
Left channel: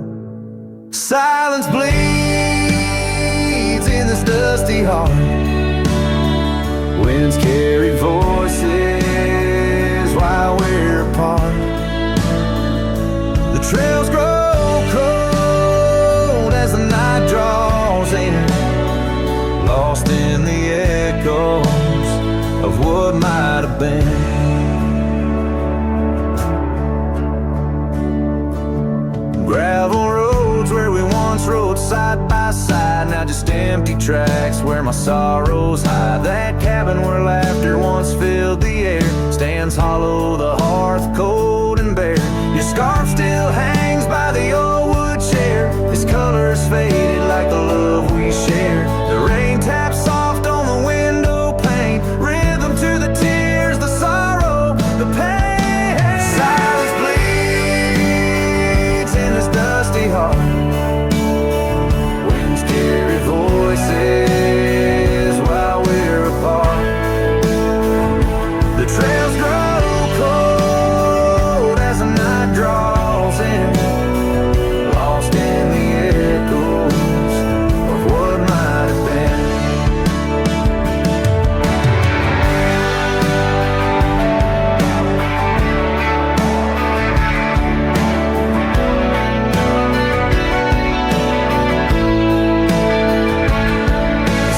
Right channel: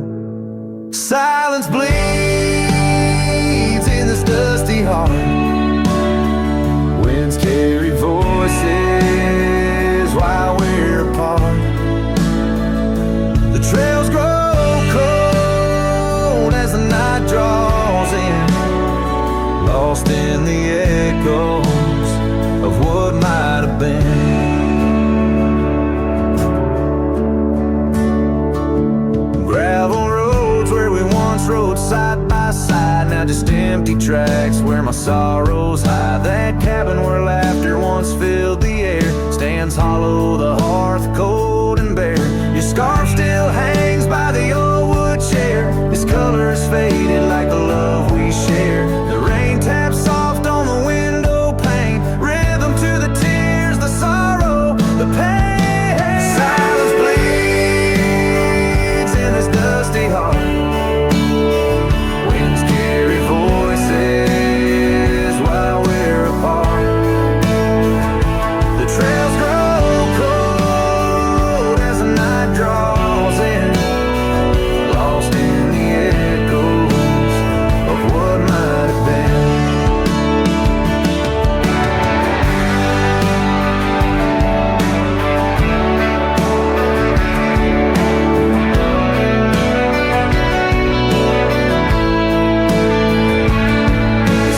Silence bleeds in this dusty heart. Winds carry voices while we're apart. The trails grow cold as the night draws in, lost in the echoes of what might have been. Gravel roads where we once rode side by side, now just empty tracks where my sorrows hide. That cabin where laughter once filled the air stands hollow, the hearth cold and bare. Your scarf still hangs by the old wood chair. Its colors faded like the love we share. The rain taps soft on the window pane, rhythm to the tears, the sorrow, the pain. Silence bleeds in this dusty heart. Winds carry voices while we're apart. The trails grow cold as the night draws in, lost in the echoes of what might have been.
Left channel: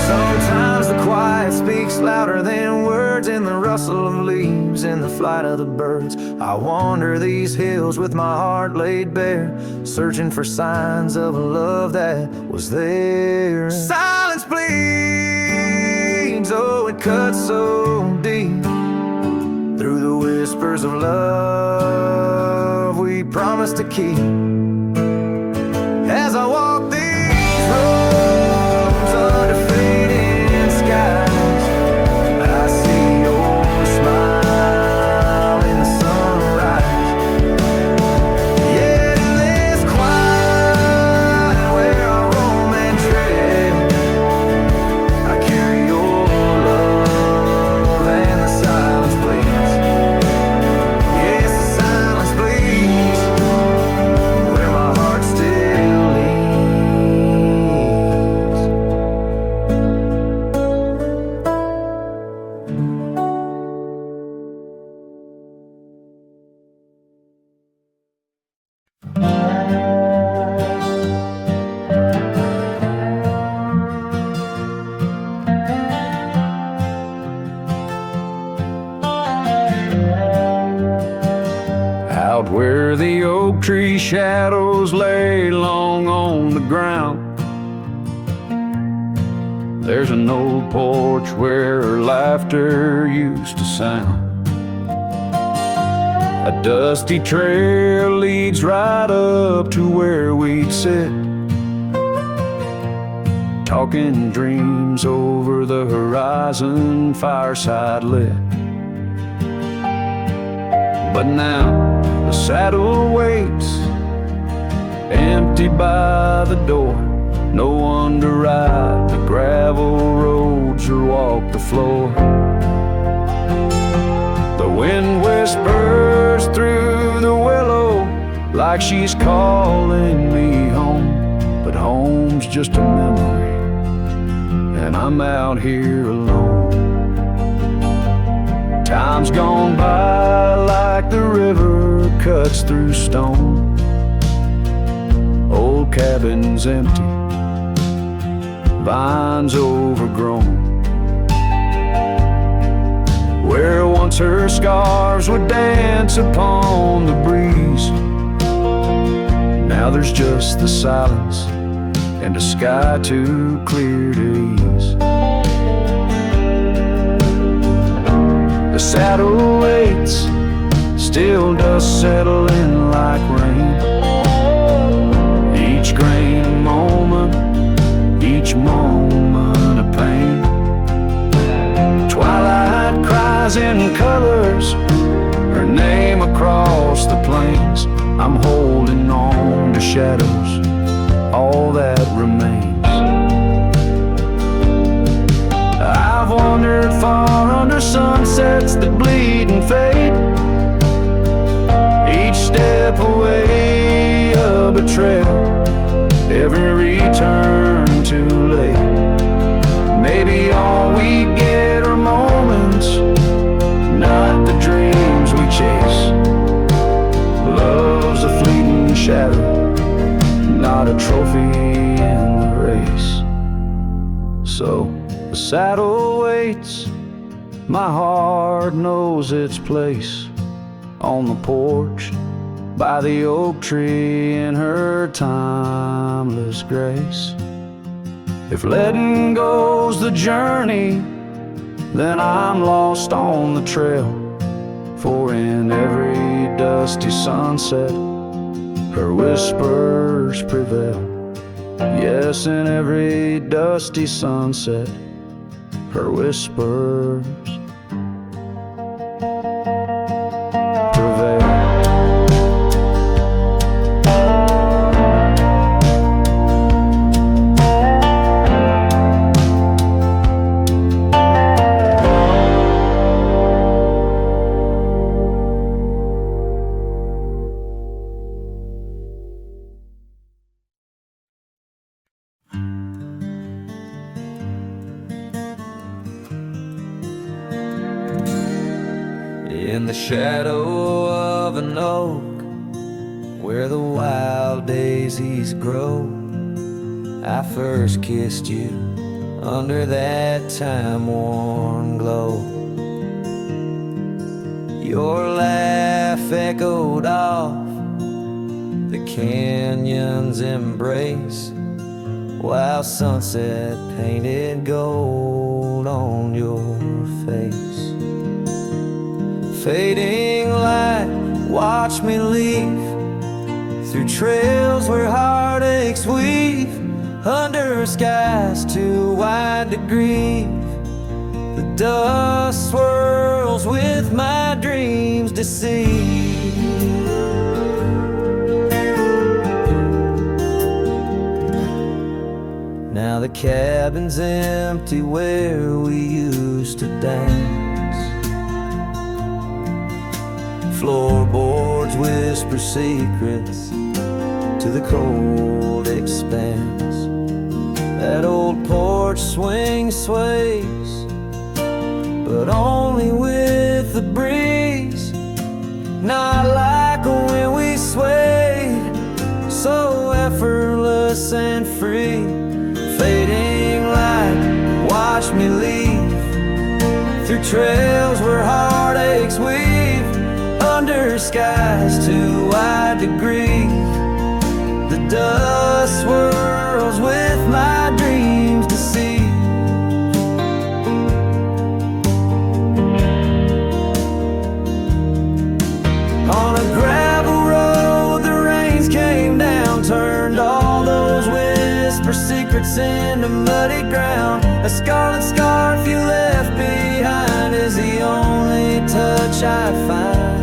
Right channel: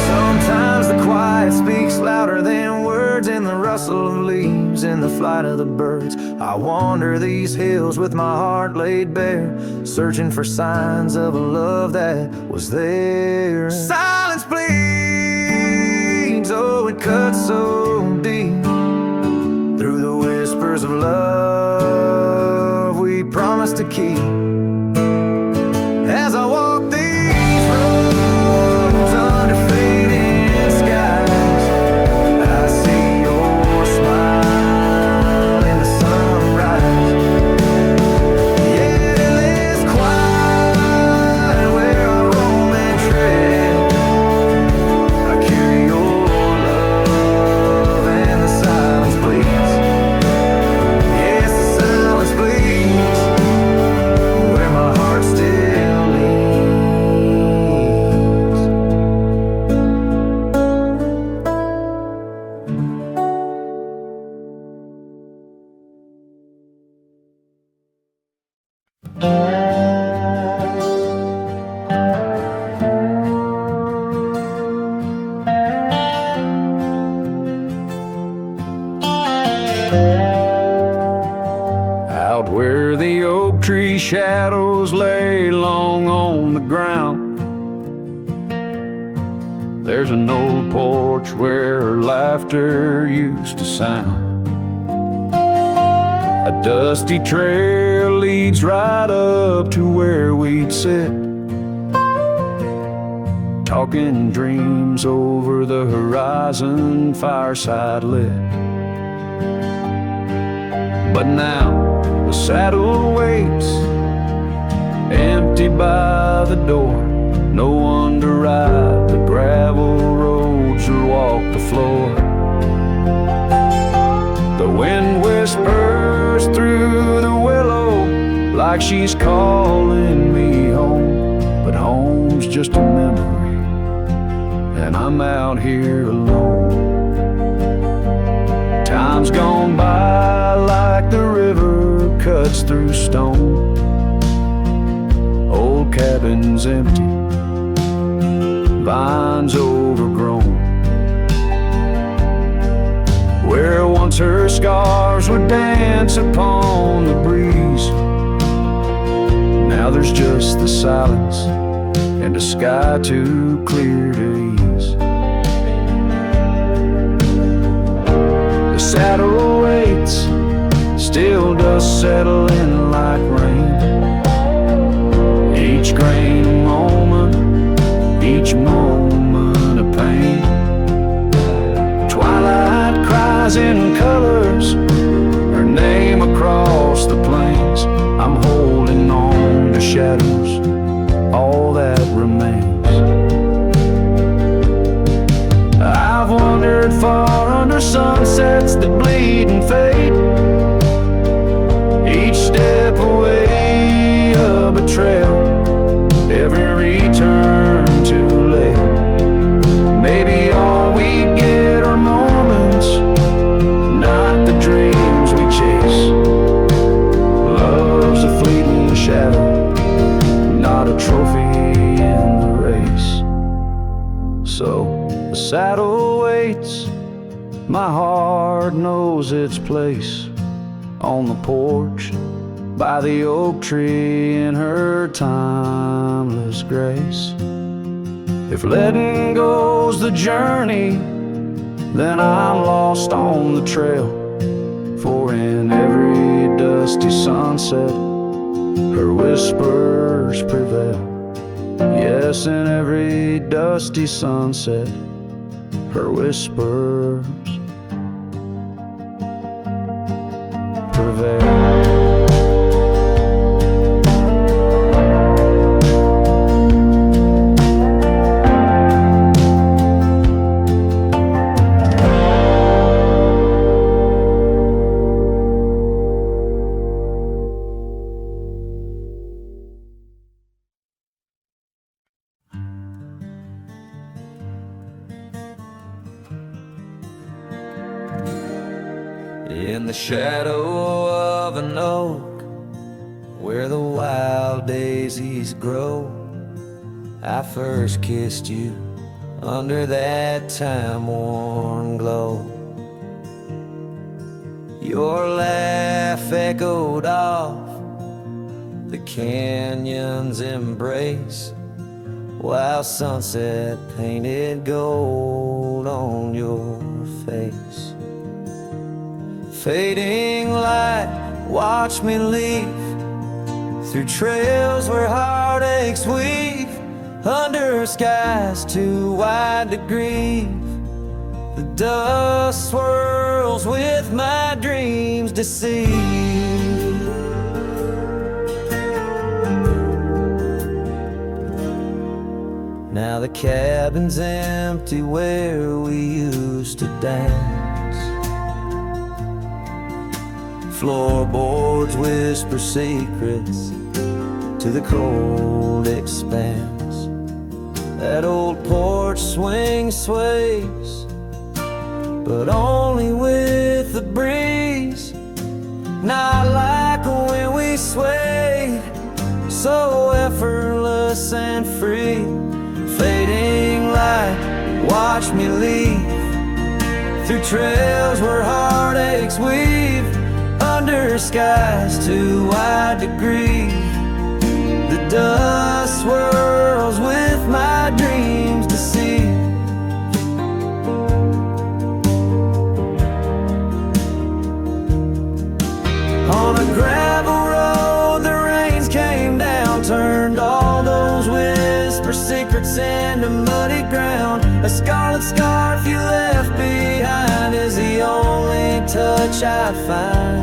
Sometimes the quiet speaks louder than words, in the rustle of leaves, in the flight of the birds. I wander these hills with my heart laid bare, searching for signs of a love that was there. Silence bleeds, oh it cuts so deep, through the whispers of love we promised to keep. As I walk these roads under fading skies, I see your smile in the sunrise. Yet in this quiet where I roam and tread, I carry your love, and the silence bleeds. Yes, the silence bleeds where my heart still leans. Out where the oak tree shadows lay long on the ground, there's an old porch where laughter used to sound. A dusty trail leads right up to where we'd sit, talking dreams over the horizon, fireside lit. But now the saddle waits, empty by the door. No one to ride the gravel roads or walk the floor. The wind whispers through the willow like she's calling me home, but home's just a memory, and I'm out here alone. Time's gone by like the river cuts through stone. Old cabin's empty, vines overgrown. Where once her scarves would dance upon the breeze, now there's just the silence and a sky too clear to ease. The saddle waits, still dust settle in like rain. Each grain a moment, each moment of pain. Twilight cries in colors, her name across the plains. I'm holding on to shadows, all that remains. I've wandered far under sunsets that bleed and fade, each step away a betrayal, every return too late. Maybe all we get are moments, not the dreams we chase. Love's a fleeting shadow, not a trophy in the race. So the saddle waits, my heart knows its place on the porch by the oak tree in her timeless grace. If letting go's the journey, then I'm lost on the trail. For in every dusty sunset, her whispers prevail. Yes, in every dusty sunset, her whispers prevail. In the shadow of an oak, where the wild daisies grow, I first kissed you under that time-worn glow. Your laugh echoed off the canyon's embrace, while sunset painted gold on your face. Fading light, watch me leave through trails where heartaches weave, under skies too wide to grieve. The dust swirls with my dreams deceive. Now the cabin's empty where we used to dance. Floorboards whisper secrets to the cold expanse. That old porch swing sways, but only with the breeze. Not like when we swayed, so effortless and free. Fading light, watch me leave through trails where heartaches weave, under skies too wide to grieve. The dust swirls with my dreams deceive. On a gravel road the rains came down, turned all those whisper secrets into muddy ground. A scarlet scarf you left behind is the only touch I find.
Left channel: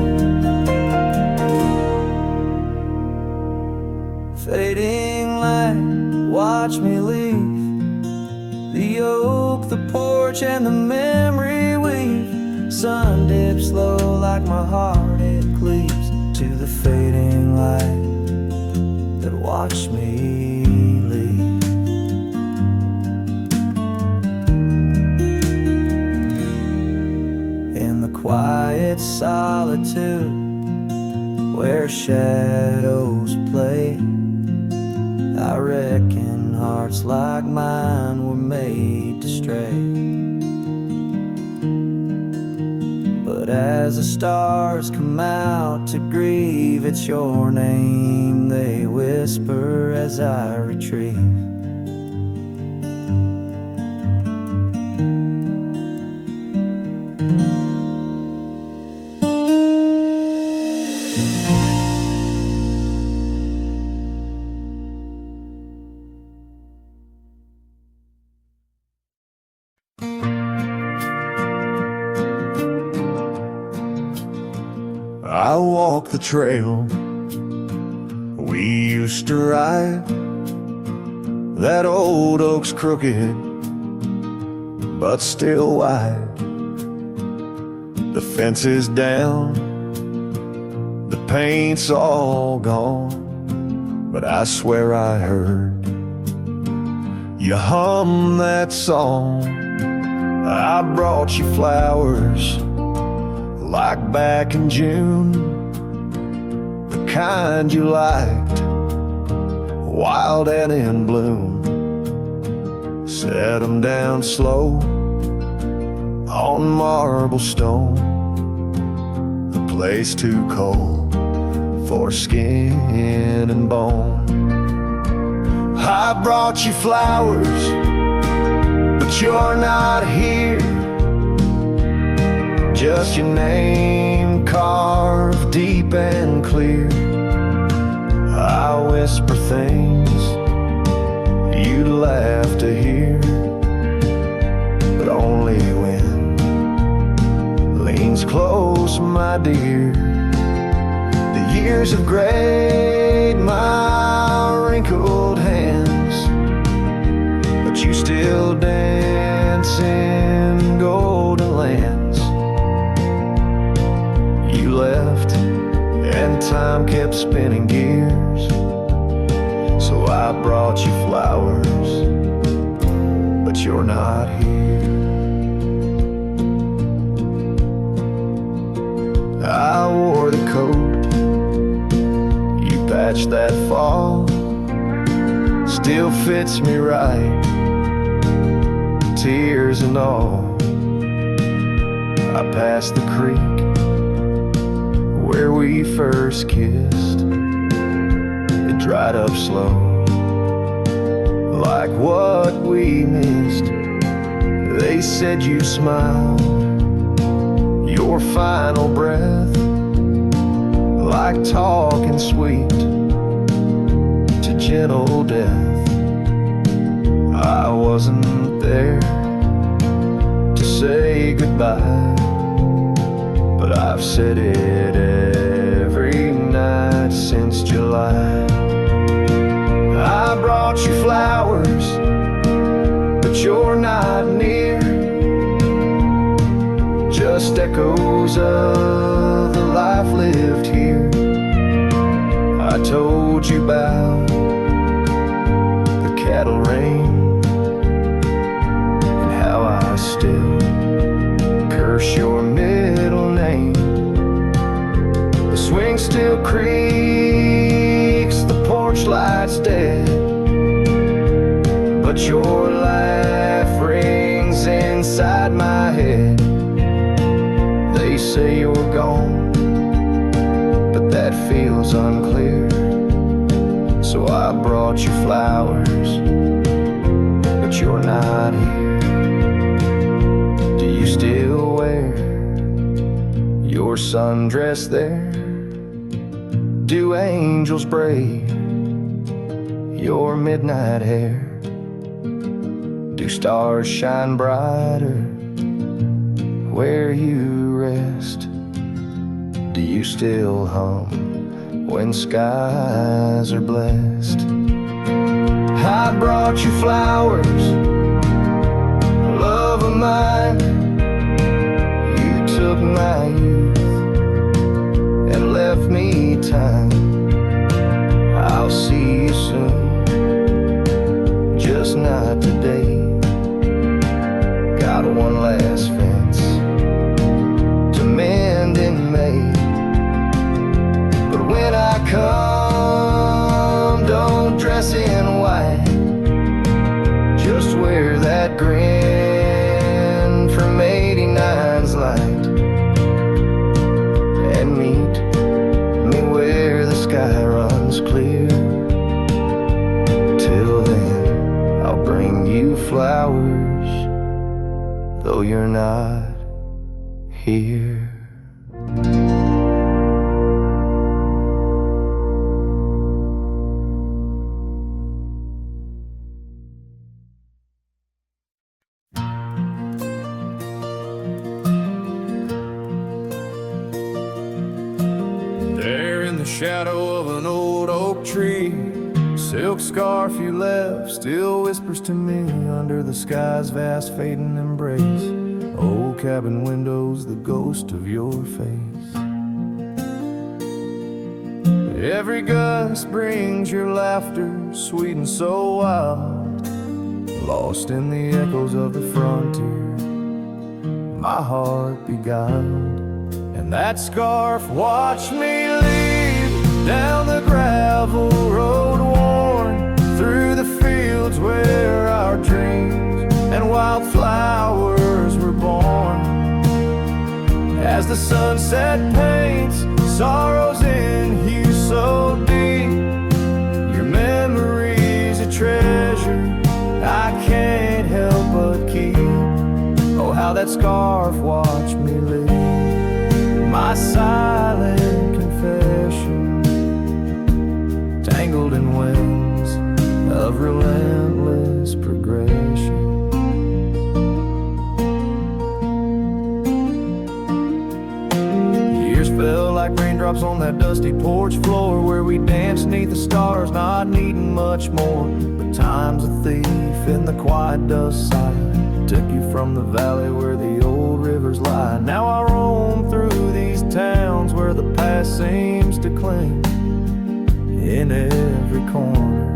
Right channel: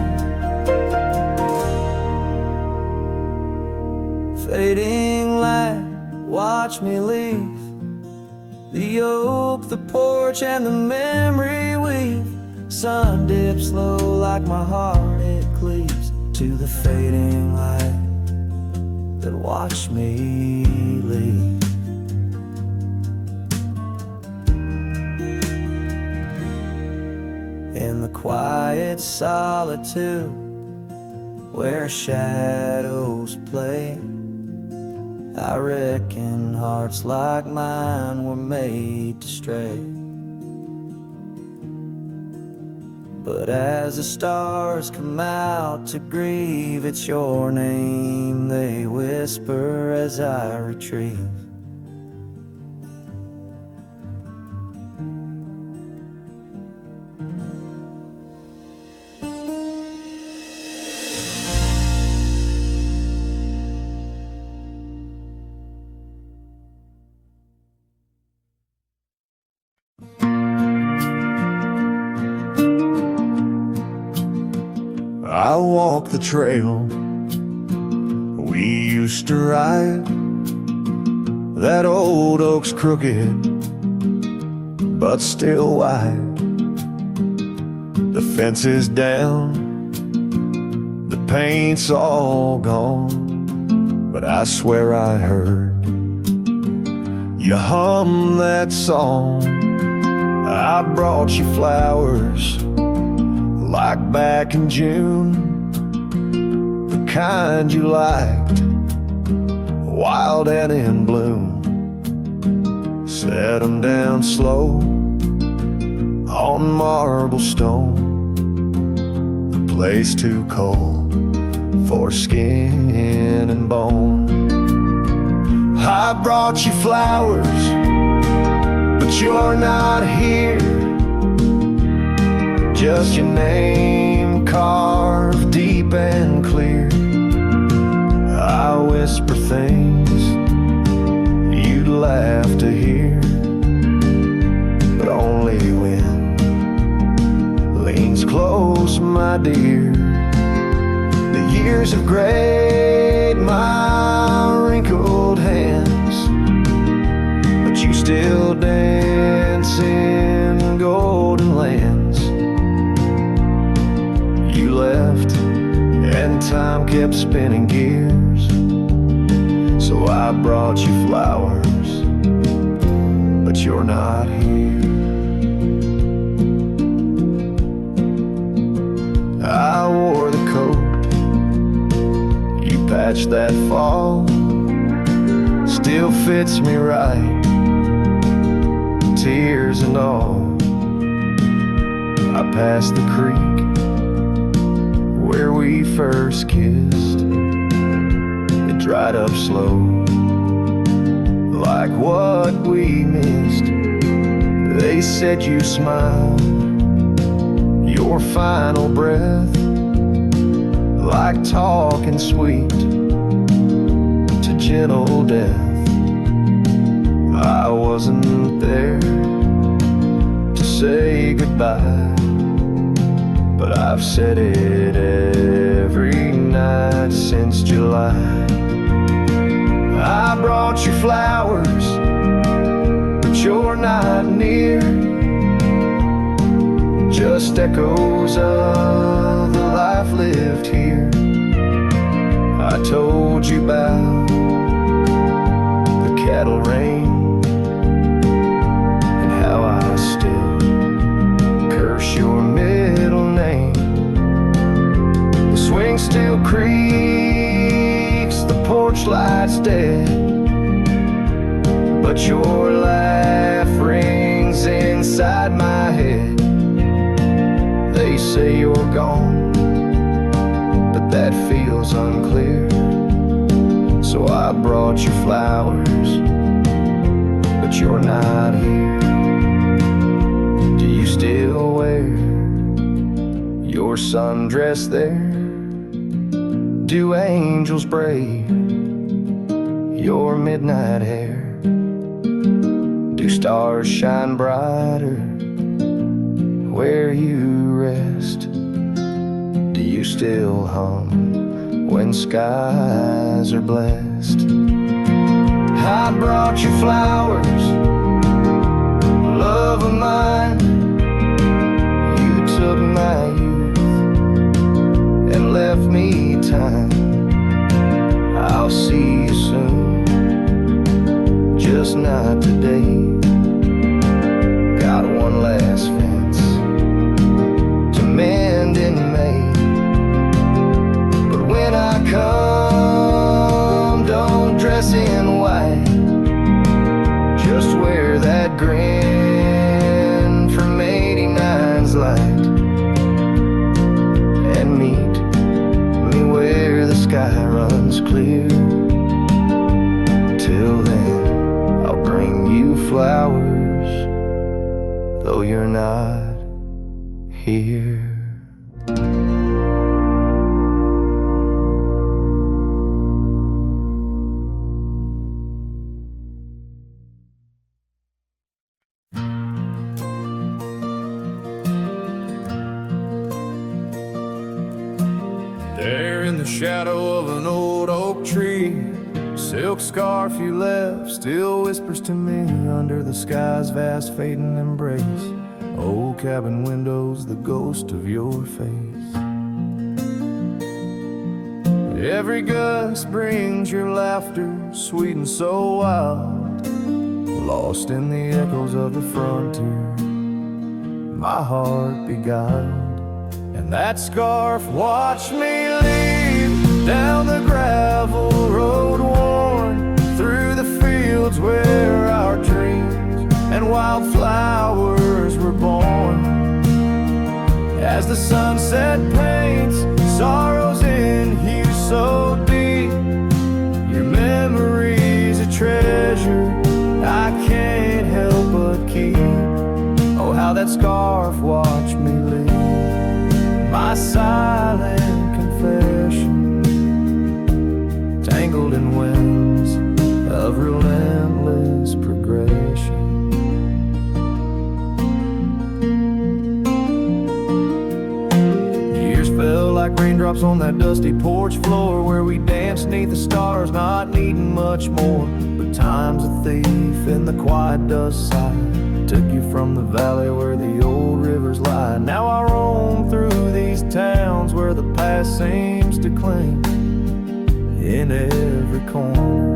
Fading light, watch me leave the oak, the porch, and the memory weave. Sun dips low like my heart, it cleaves to the fading light that watched me leave. In the quiet solitude where shadows play, I reckon hearts like mine were made to stray. But as the stars come out to grieve, it's your name they whisper as I retrieve. I walk the trail we used to ride. That old oak's crooked, but still wide. The fence is down, the paint's all gone, but I swear I heard you hum that song. I brought you flowers like back in June, the kind you liked, wild and in bloom. Set them down slow on marble stone, a place too cold for skin and bone. I brought you flowers, but you're not here. Just your name carved deep and clear. I whisper things you'd laugh to hear, but only when leans close, my dear. The years have grayed my wrinkled hands, but you still dance in golden lands. You left and time kept spinning gears, so I brought you flowers, but you're not here. I wore the coat you patched that fall, still fits me right, tears and all. I passed the creek where we first kissed. It dried up slow, like what we missed. They said you smiled, your final breath, like talking sweet to gentle death. I wasn't there to say goodbye, but I've said it every night since July. I brought you flowers, but you're not near. Just echoes of the life lived here. I told you about the cattle rain and how I still curse your middle name. The swing still creaks, the porch light's dead, but your laugh rings inside my head. They say you're gone, but that feels unclear. So I brought you flowers, but you're not here. Do you still wear your sundress there? Do angels braid your midnight hair? Do stars shine brighter where you rest? Do you still hum when skies are blessed? I brought you flowers, love of mine. You took my youth and left me time. I'll see you soon, just not today. Got one last fence to mend in May, but when I come, don't dress in white. Just wear that grin from 89's light, and meet me where the sky runs clear. Till then, I'll bring you flowers, though you're not here. in the shadow of an old oak tree. Silk scarf you left still whispers to me under the sky's vast fading embrace. Old cabin windows, the ghost of your face. Every gust brings your laughter, sweet and so wild, lost in the echoes of the frontier, my heart beguiled. And that scarf watched me leave down the gravel road worn, through the fields where our dreams and wildflowers were born. As the sunset paints sorrows in hue so deep, your memory's a treasure I can't help but keep. Oh, how that scarf watched me leave, my silent confession, tangled in winds of relentless progression. Years fell like raindrops on that dusty porch floor, where we danced neath the stars, not needing much more. But time's a thief in the quiet dust side, took you from the valley where the old rivers lie. Now I roam through these towns where the past seems to cling. In every corner,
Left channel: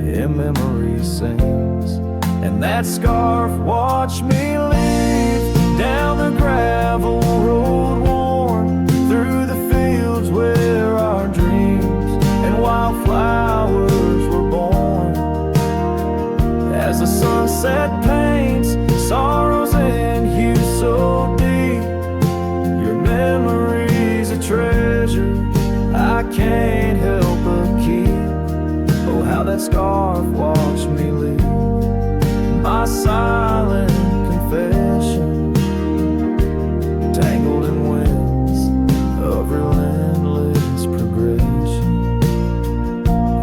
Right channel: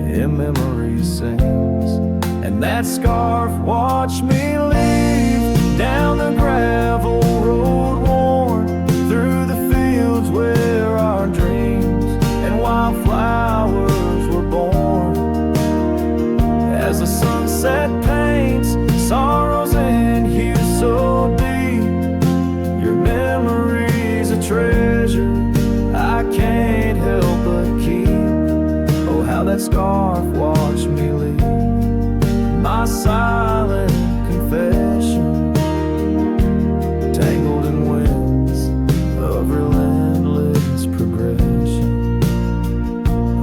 in memory sings. And that scarf watched me leave down the gravel road worn, through the fields where our dreams and wildflowers were born. As the sunset paints sorrows in hue so deep, your memory's a treasure I can't help but keep. Oh, how that scarf watched me leave, my silent confession, tangled in winds of relentless progression.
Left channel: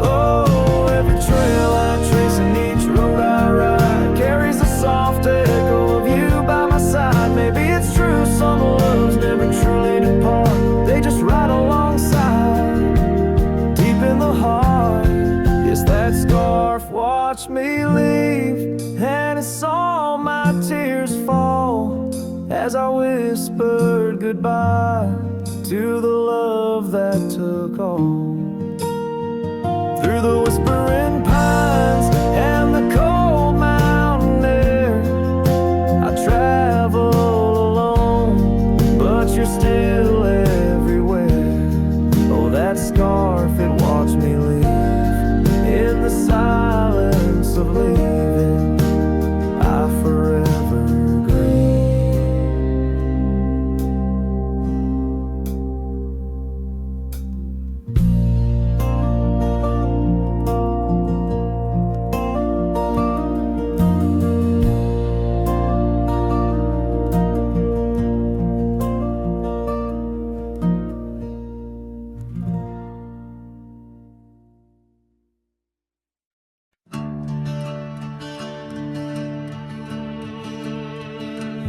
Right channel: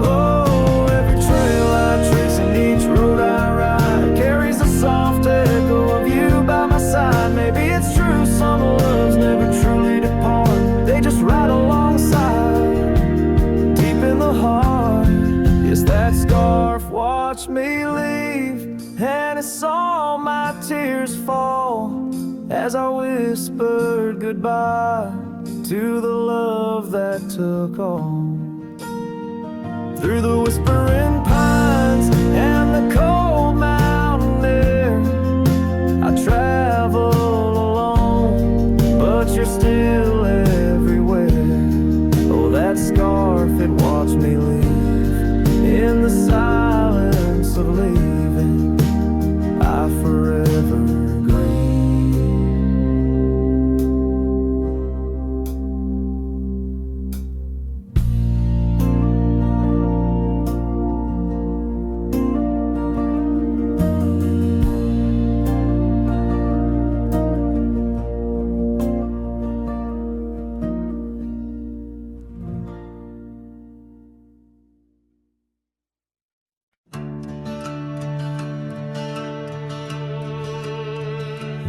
Oh, every trail I trace and each road I ride carries a soft echo of you by my side. Maybe it's true, some loves never truly depart, they just ride alongside, deep in the heart. Yes, that scarf watched me leave, and it saw my tears fall as I whispered goodbye to the love that took all. Through the whispering pines and the cold mountain air, I travel alone, but you're still everywhere. Oh, that scarf, it watched me leave in the silence of leaving, I forever grieve.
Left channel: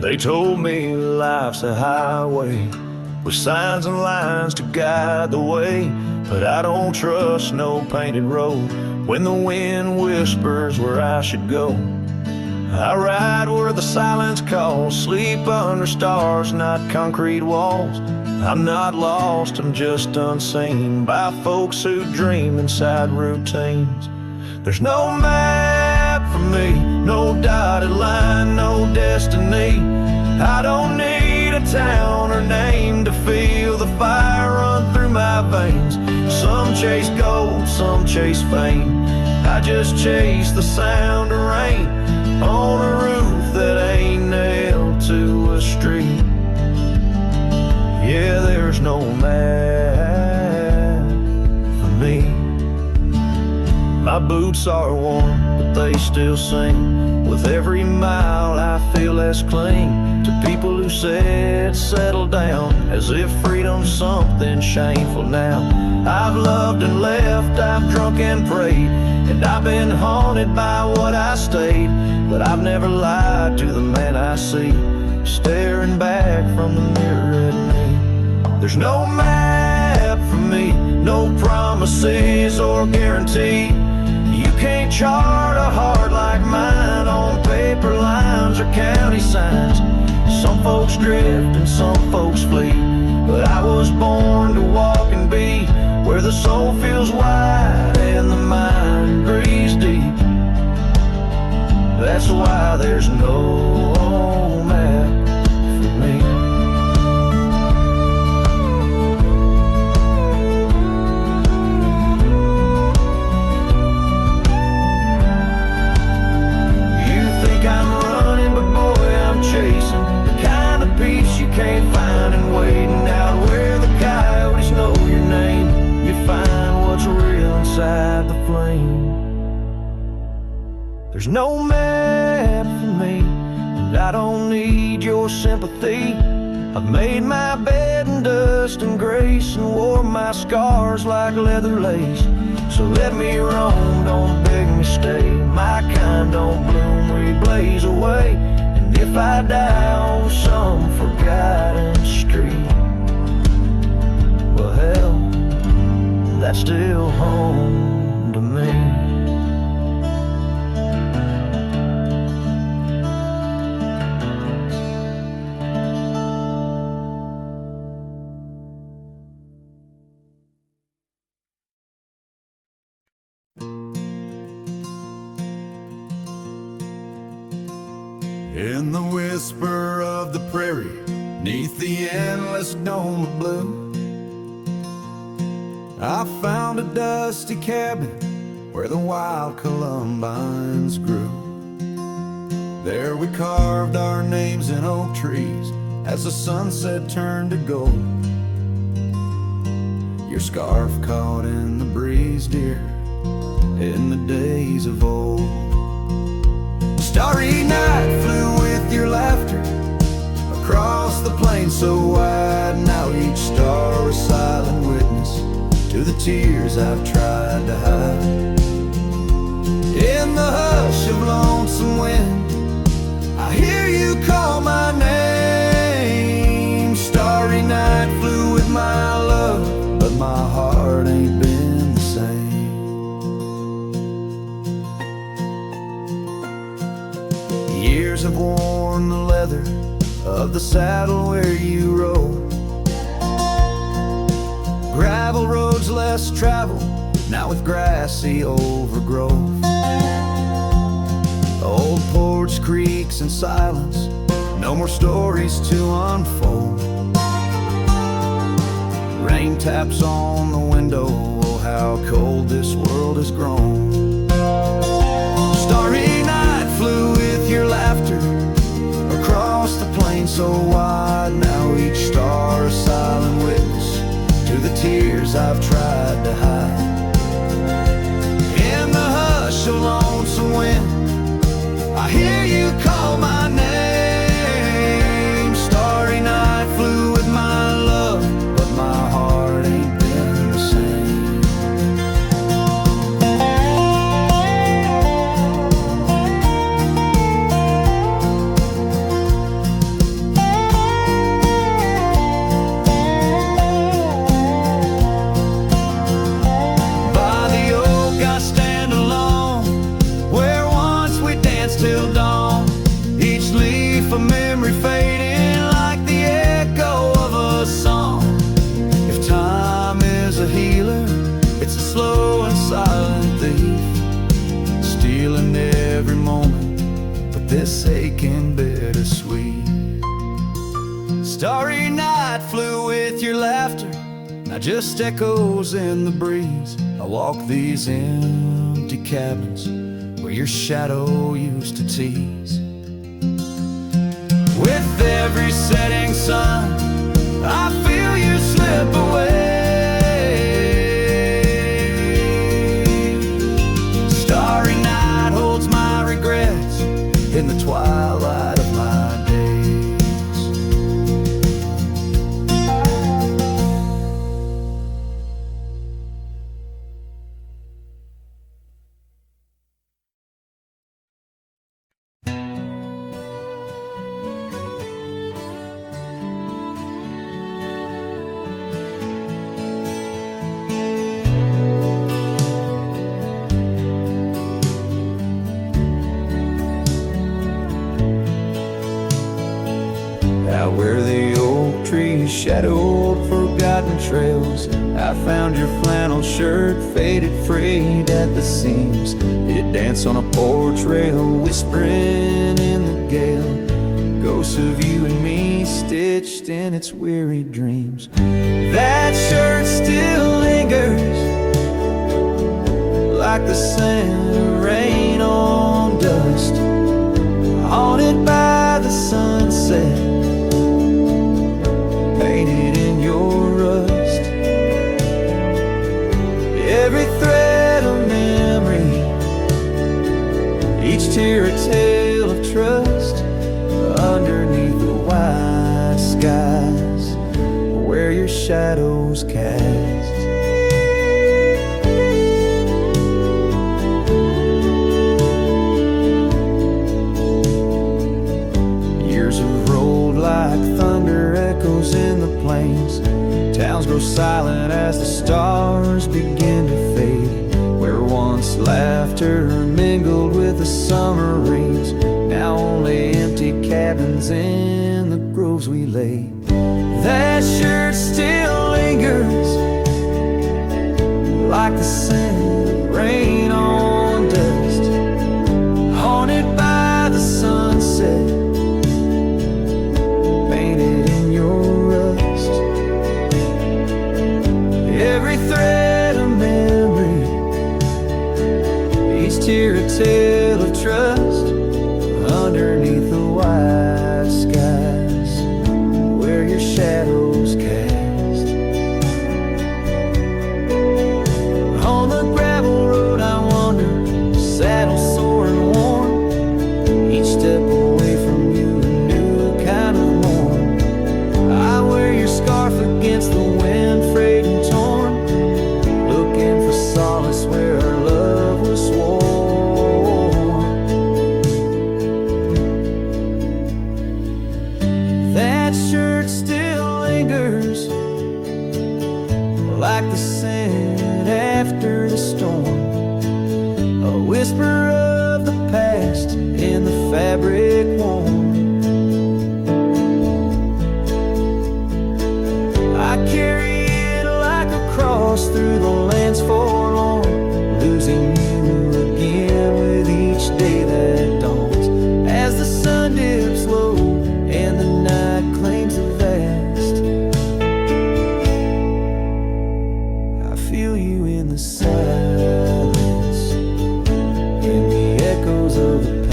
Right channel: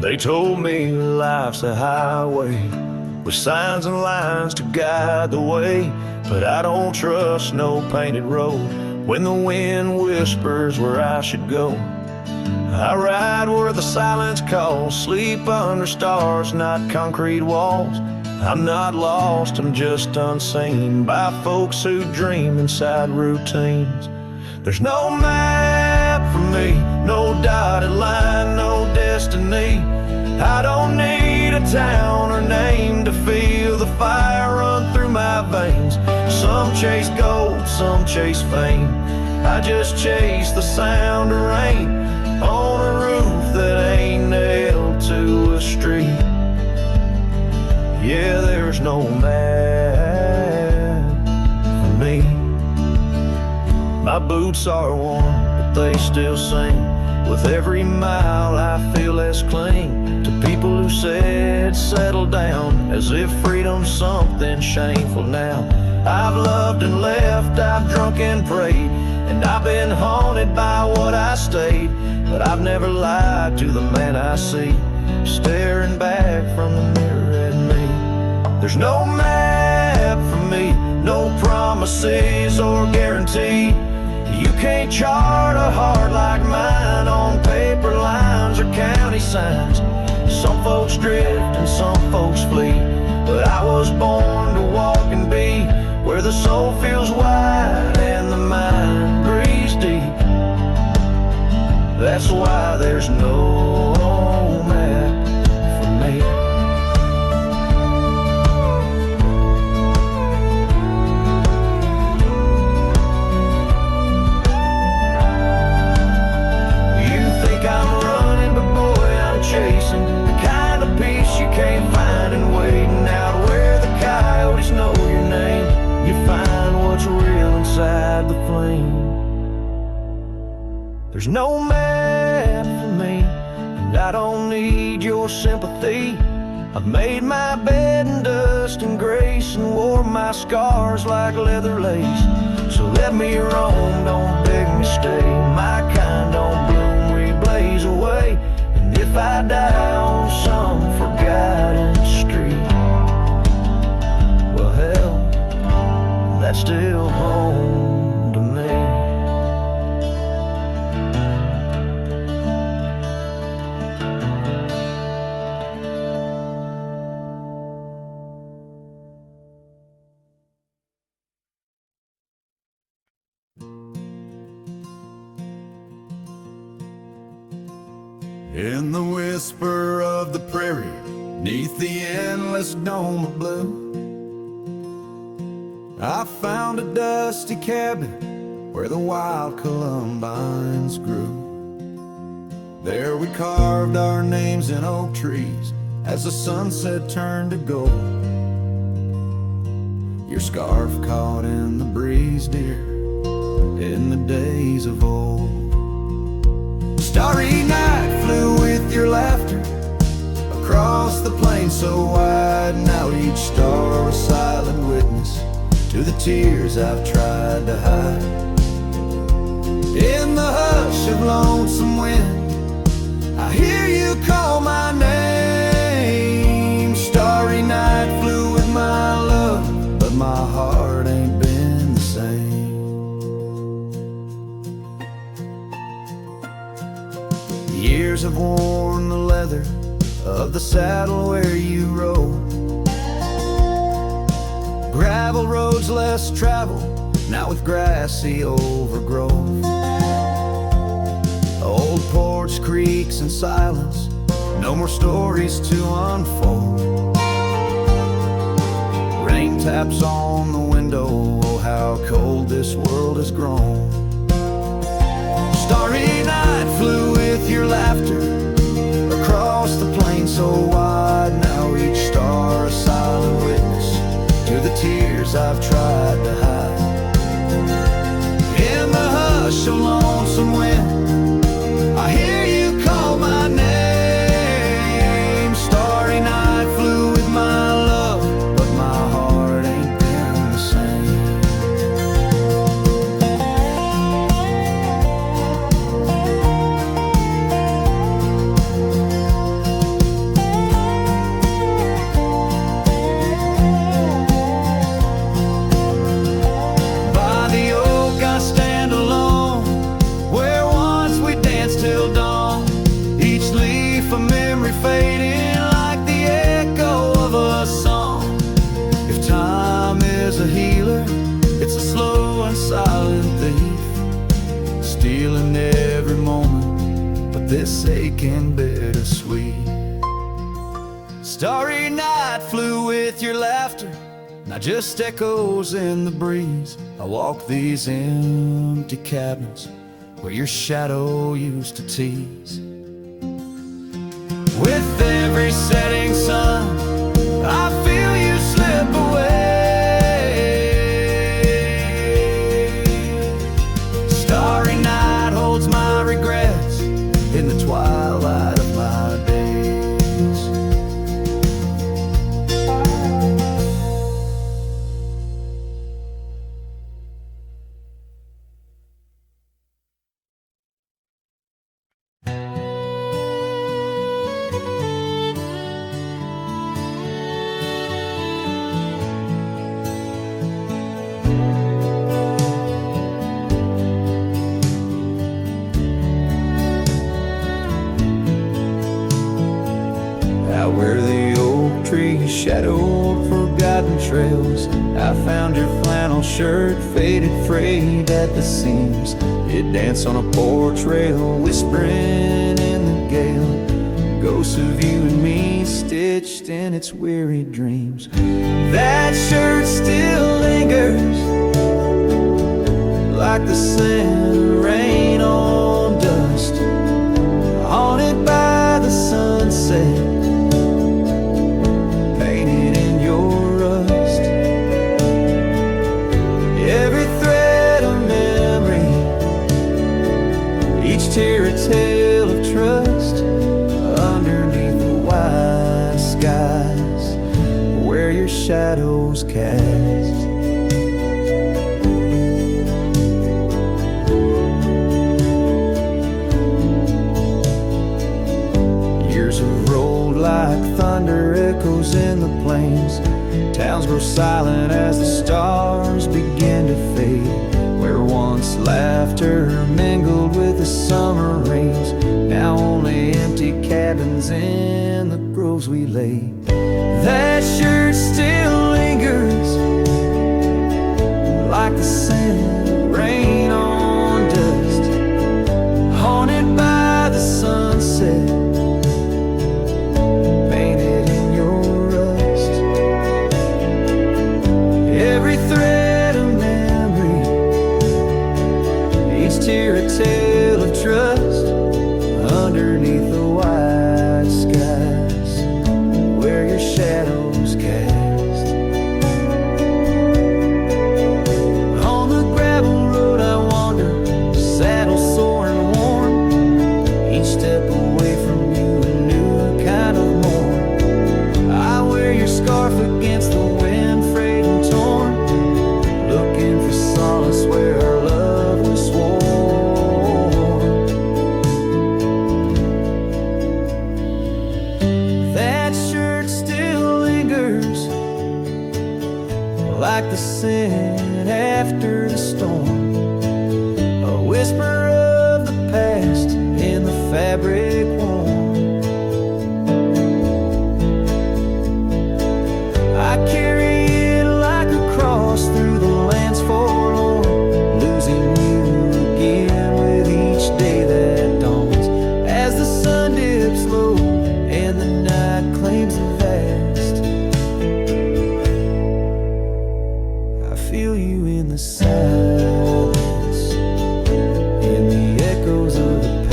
They told me life's a highway with signs and lines to guide the way, but I don't trust no painted road when the wind whispers where I should go. I ride where the silence calls, sleep under stars, not concrete walls. I'm not lost, I'm just unseen by folks who dream inside routines. There's no map for me, no dotted line, no destiny. I don't need a town or name to feel the fire run through my veins. Some chase gold, some chase fame, I just chase the sound of rain on a roof that ain't nailed to a street. Yeah, there's no map for me. My boots are worn, but they still sing. With every mile I feel less cling to people who said settle down, as if freedom's something shameful now. I've loved and left, I've drunk and prayed, and I've been haunted by what I stayed. But I've never lied to the man I see staring back from the mirror at me. There's no map for me. No promises or guarantee. You can't chart a heart like mine on paper lines or county signs. Some folks drift and some folks flee, but I was born to walk and be where the soul feels wide and the mind breathes deep. That's why there's no map for me. You think I'm running, but boy, I'm chasing the kind of peace you can't find in waiting out where the coyotes know your name. You find what's real inside the flame. There's no map for me, and I don't need your sympathy. I've made my bed in dust and grace and wore my scars like leather lace. So let me roam, don't beg me stay. My kind don't bloom, we blaze away. And if I die on some forgotten street, well hell, that's still home to me. In the whisper of the prairie, neath the endless dome of blue, I found a dusty cabin where the wild columbines grew. There we carved our names in oak trees as the sunset turned to gold. Your scarf caught in the breeze, dear, in the days of old. Starry night flew with your laughter across the plain so wide. Now each star a silent witness to the tears I've tried to hide. In the hush of lonesome wind, I hear you call my name. Starry night flew with my love, but my heart ain't been the same. Years have worn the leather of the saddle where you rode. Gravel roads less traveled, now with grassy overgrowth. Old porch creaks in silence, no more stories to unfold. Rain taps on the window, oh how cold this world has grown. Starry night flew with your laughter across the plain so wide. Now each star a silent witness to the tears I've tried to hide. In the hush of lonesome wind, I hear you call my name. Starry night flew with my love, but my heart ain't been the same. Till dawn, each leaf a memory fading like the echo of a song. If time is a healer, it's a slow and silent thief, stealing every moment, but this aching bittersweet. Starry night flew with your laughter, now just echoes in the breeze. I walk these empty cabins where your shadow used to tease. With every setting sun, I feel you slip away. Starry night holds my regrets in the twilight of my days. memories, shadowed, forgotten trails. I found your flannel shirt, faded, frayed at the seams. It danced on a porch rail, whispering in the gale. Ghosts of you and me, stitched in its weary dreams. That shirt still lingers, like the scent of rain on dust, haunted by the sunset, painted in your rust. Every thread a memory, each tear a tale of trust, underneath the wide skies where your shadows cast. Years have rolled like thunder echoes in the plains. Towns grow silent as the stars begin to fade. Where once laughter mingled with the summer rains, now only empty cabins in the groves we lay. That shirt still lingers, like the scent of rain on dust, haunted by the sunset, painted in your rust. Every thread a memory, each tear a tale of trust, underneath the wide skies where your shadows cast. On the gravel road I wander, saddle sore and worn, each step away from you a new kind of morn. I wear your scarf against the wind, frayed and torn, looking for solace where our love was sworn. That shirt still lingers, like the scent after the storm, a whisper of the past in the fabric worn. I carry it like a cross through the lands forlorn, losing you again with each day that dawns, as the sun dips low and the night claims the vast. I feel you in the silence, in the echoes of the past.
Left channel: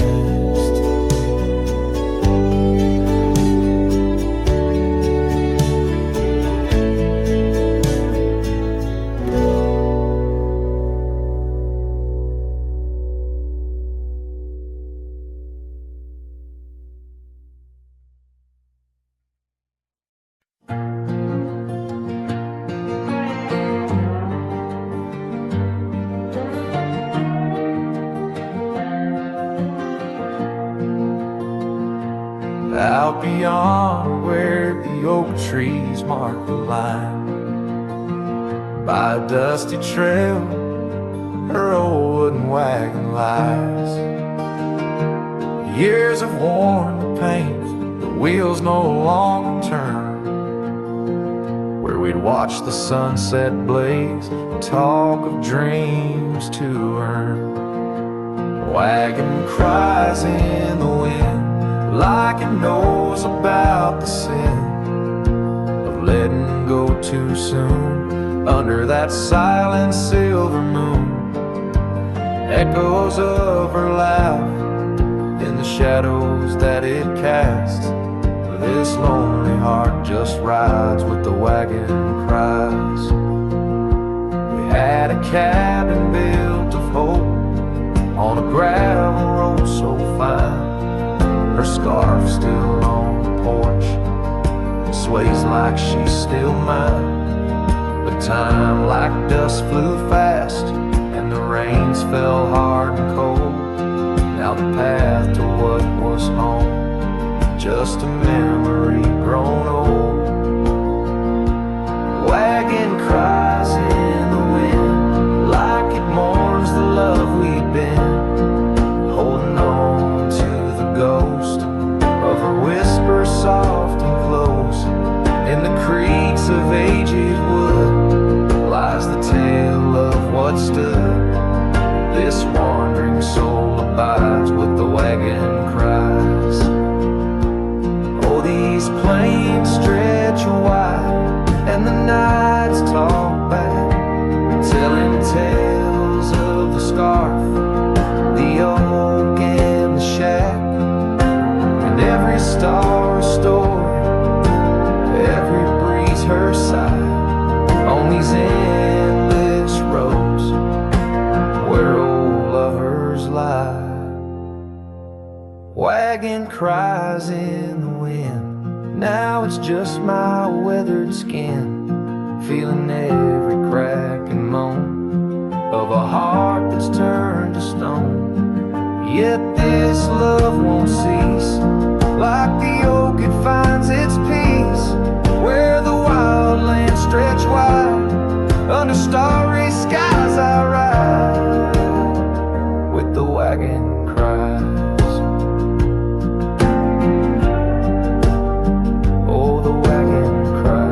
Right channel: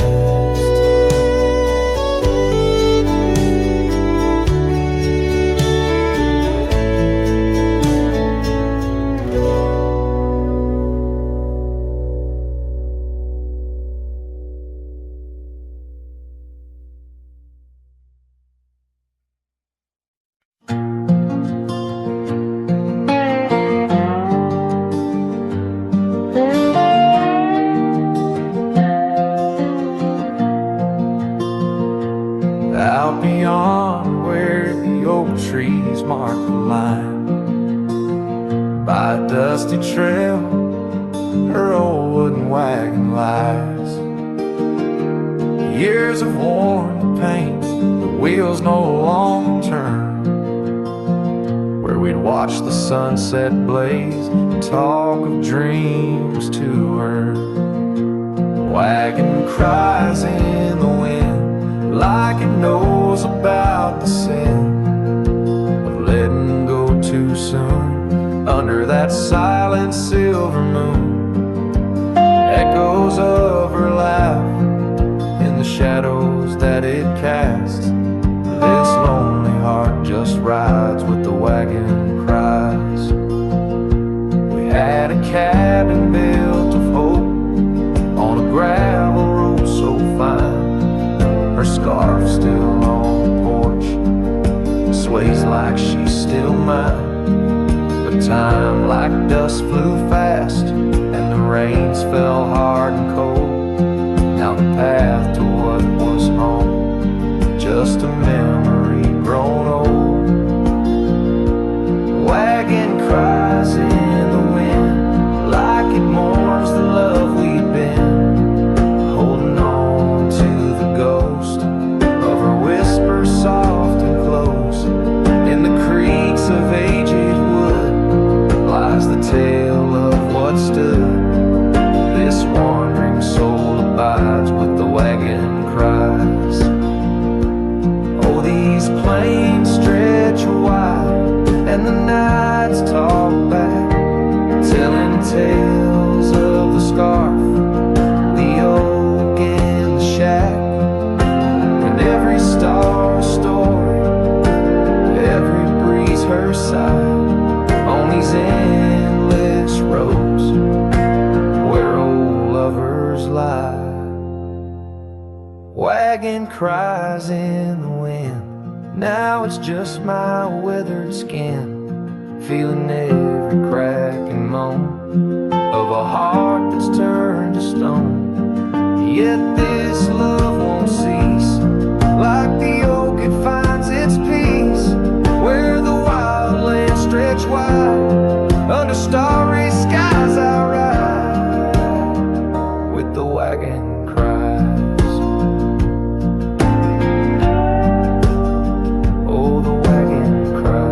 Out beyond where the oak trees mark the line, by a dusty trail her old wooden wagon lies. Years have worn the paint, the wheels no longer turn, where we'd watch the sunset blaze and talk of dreams to earn. Wagon cries in the wind like it knows about the sin of letting go too soon under that silent silver moon. Echoes of her laugh in the shadows that it casts. This lonely heart just rides with the wagon cries. We had a cabin built of hope on a gravel road so fine. Her scarf still on the porch, sways like she's still mine. But time like dust flew fast, and the rains fell hard and cold. Now the path to what was home, just a memory grown old. Wagon cries in the wind like it mourns the love we'd been, holding on to the ghost of her whisper soft and close In the creaks of aged wood lies the tale of what stood. This wandering soul abides with the wagon cries. Oh, these plains stretch wide, and the nights talk back, telling tales of the scarf, the oak and the shack, and every star a story, every breeze her sigh, on these endless roads where old lovers lie. Wagon cries in the wind, now it's just my weathered skin, feeling every crack and moan of a heart that's turned to stone. Yet this love won't cease, like the oak it finds its peace, where the wild lands stretch wide, under starry skies I ride, with the wagon cries. Oh, the wagon cries.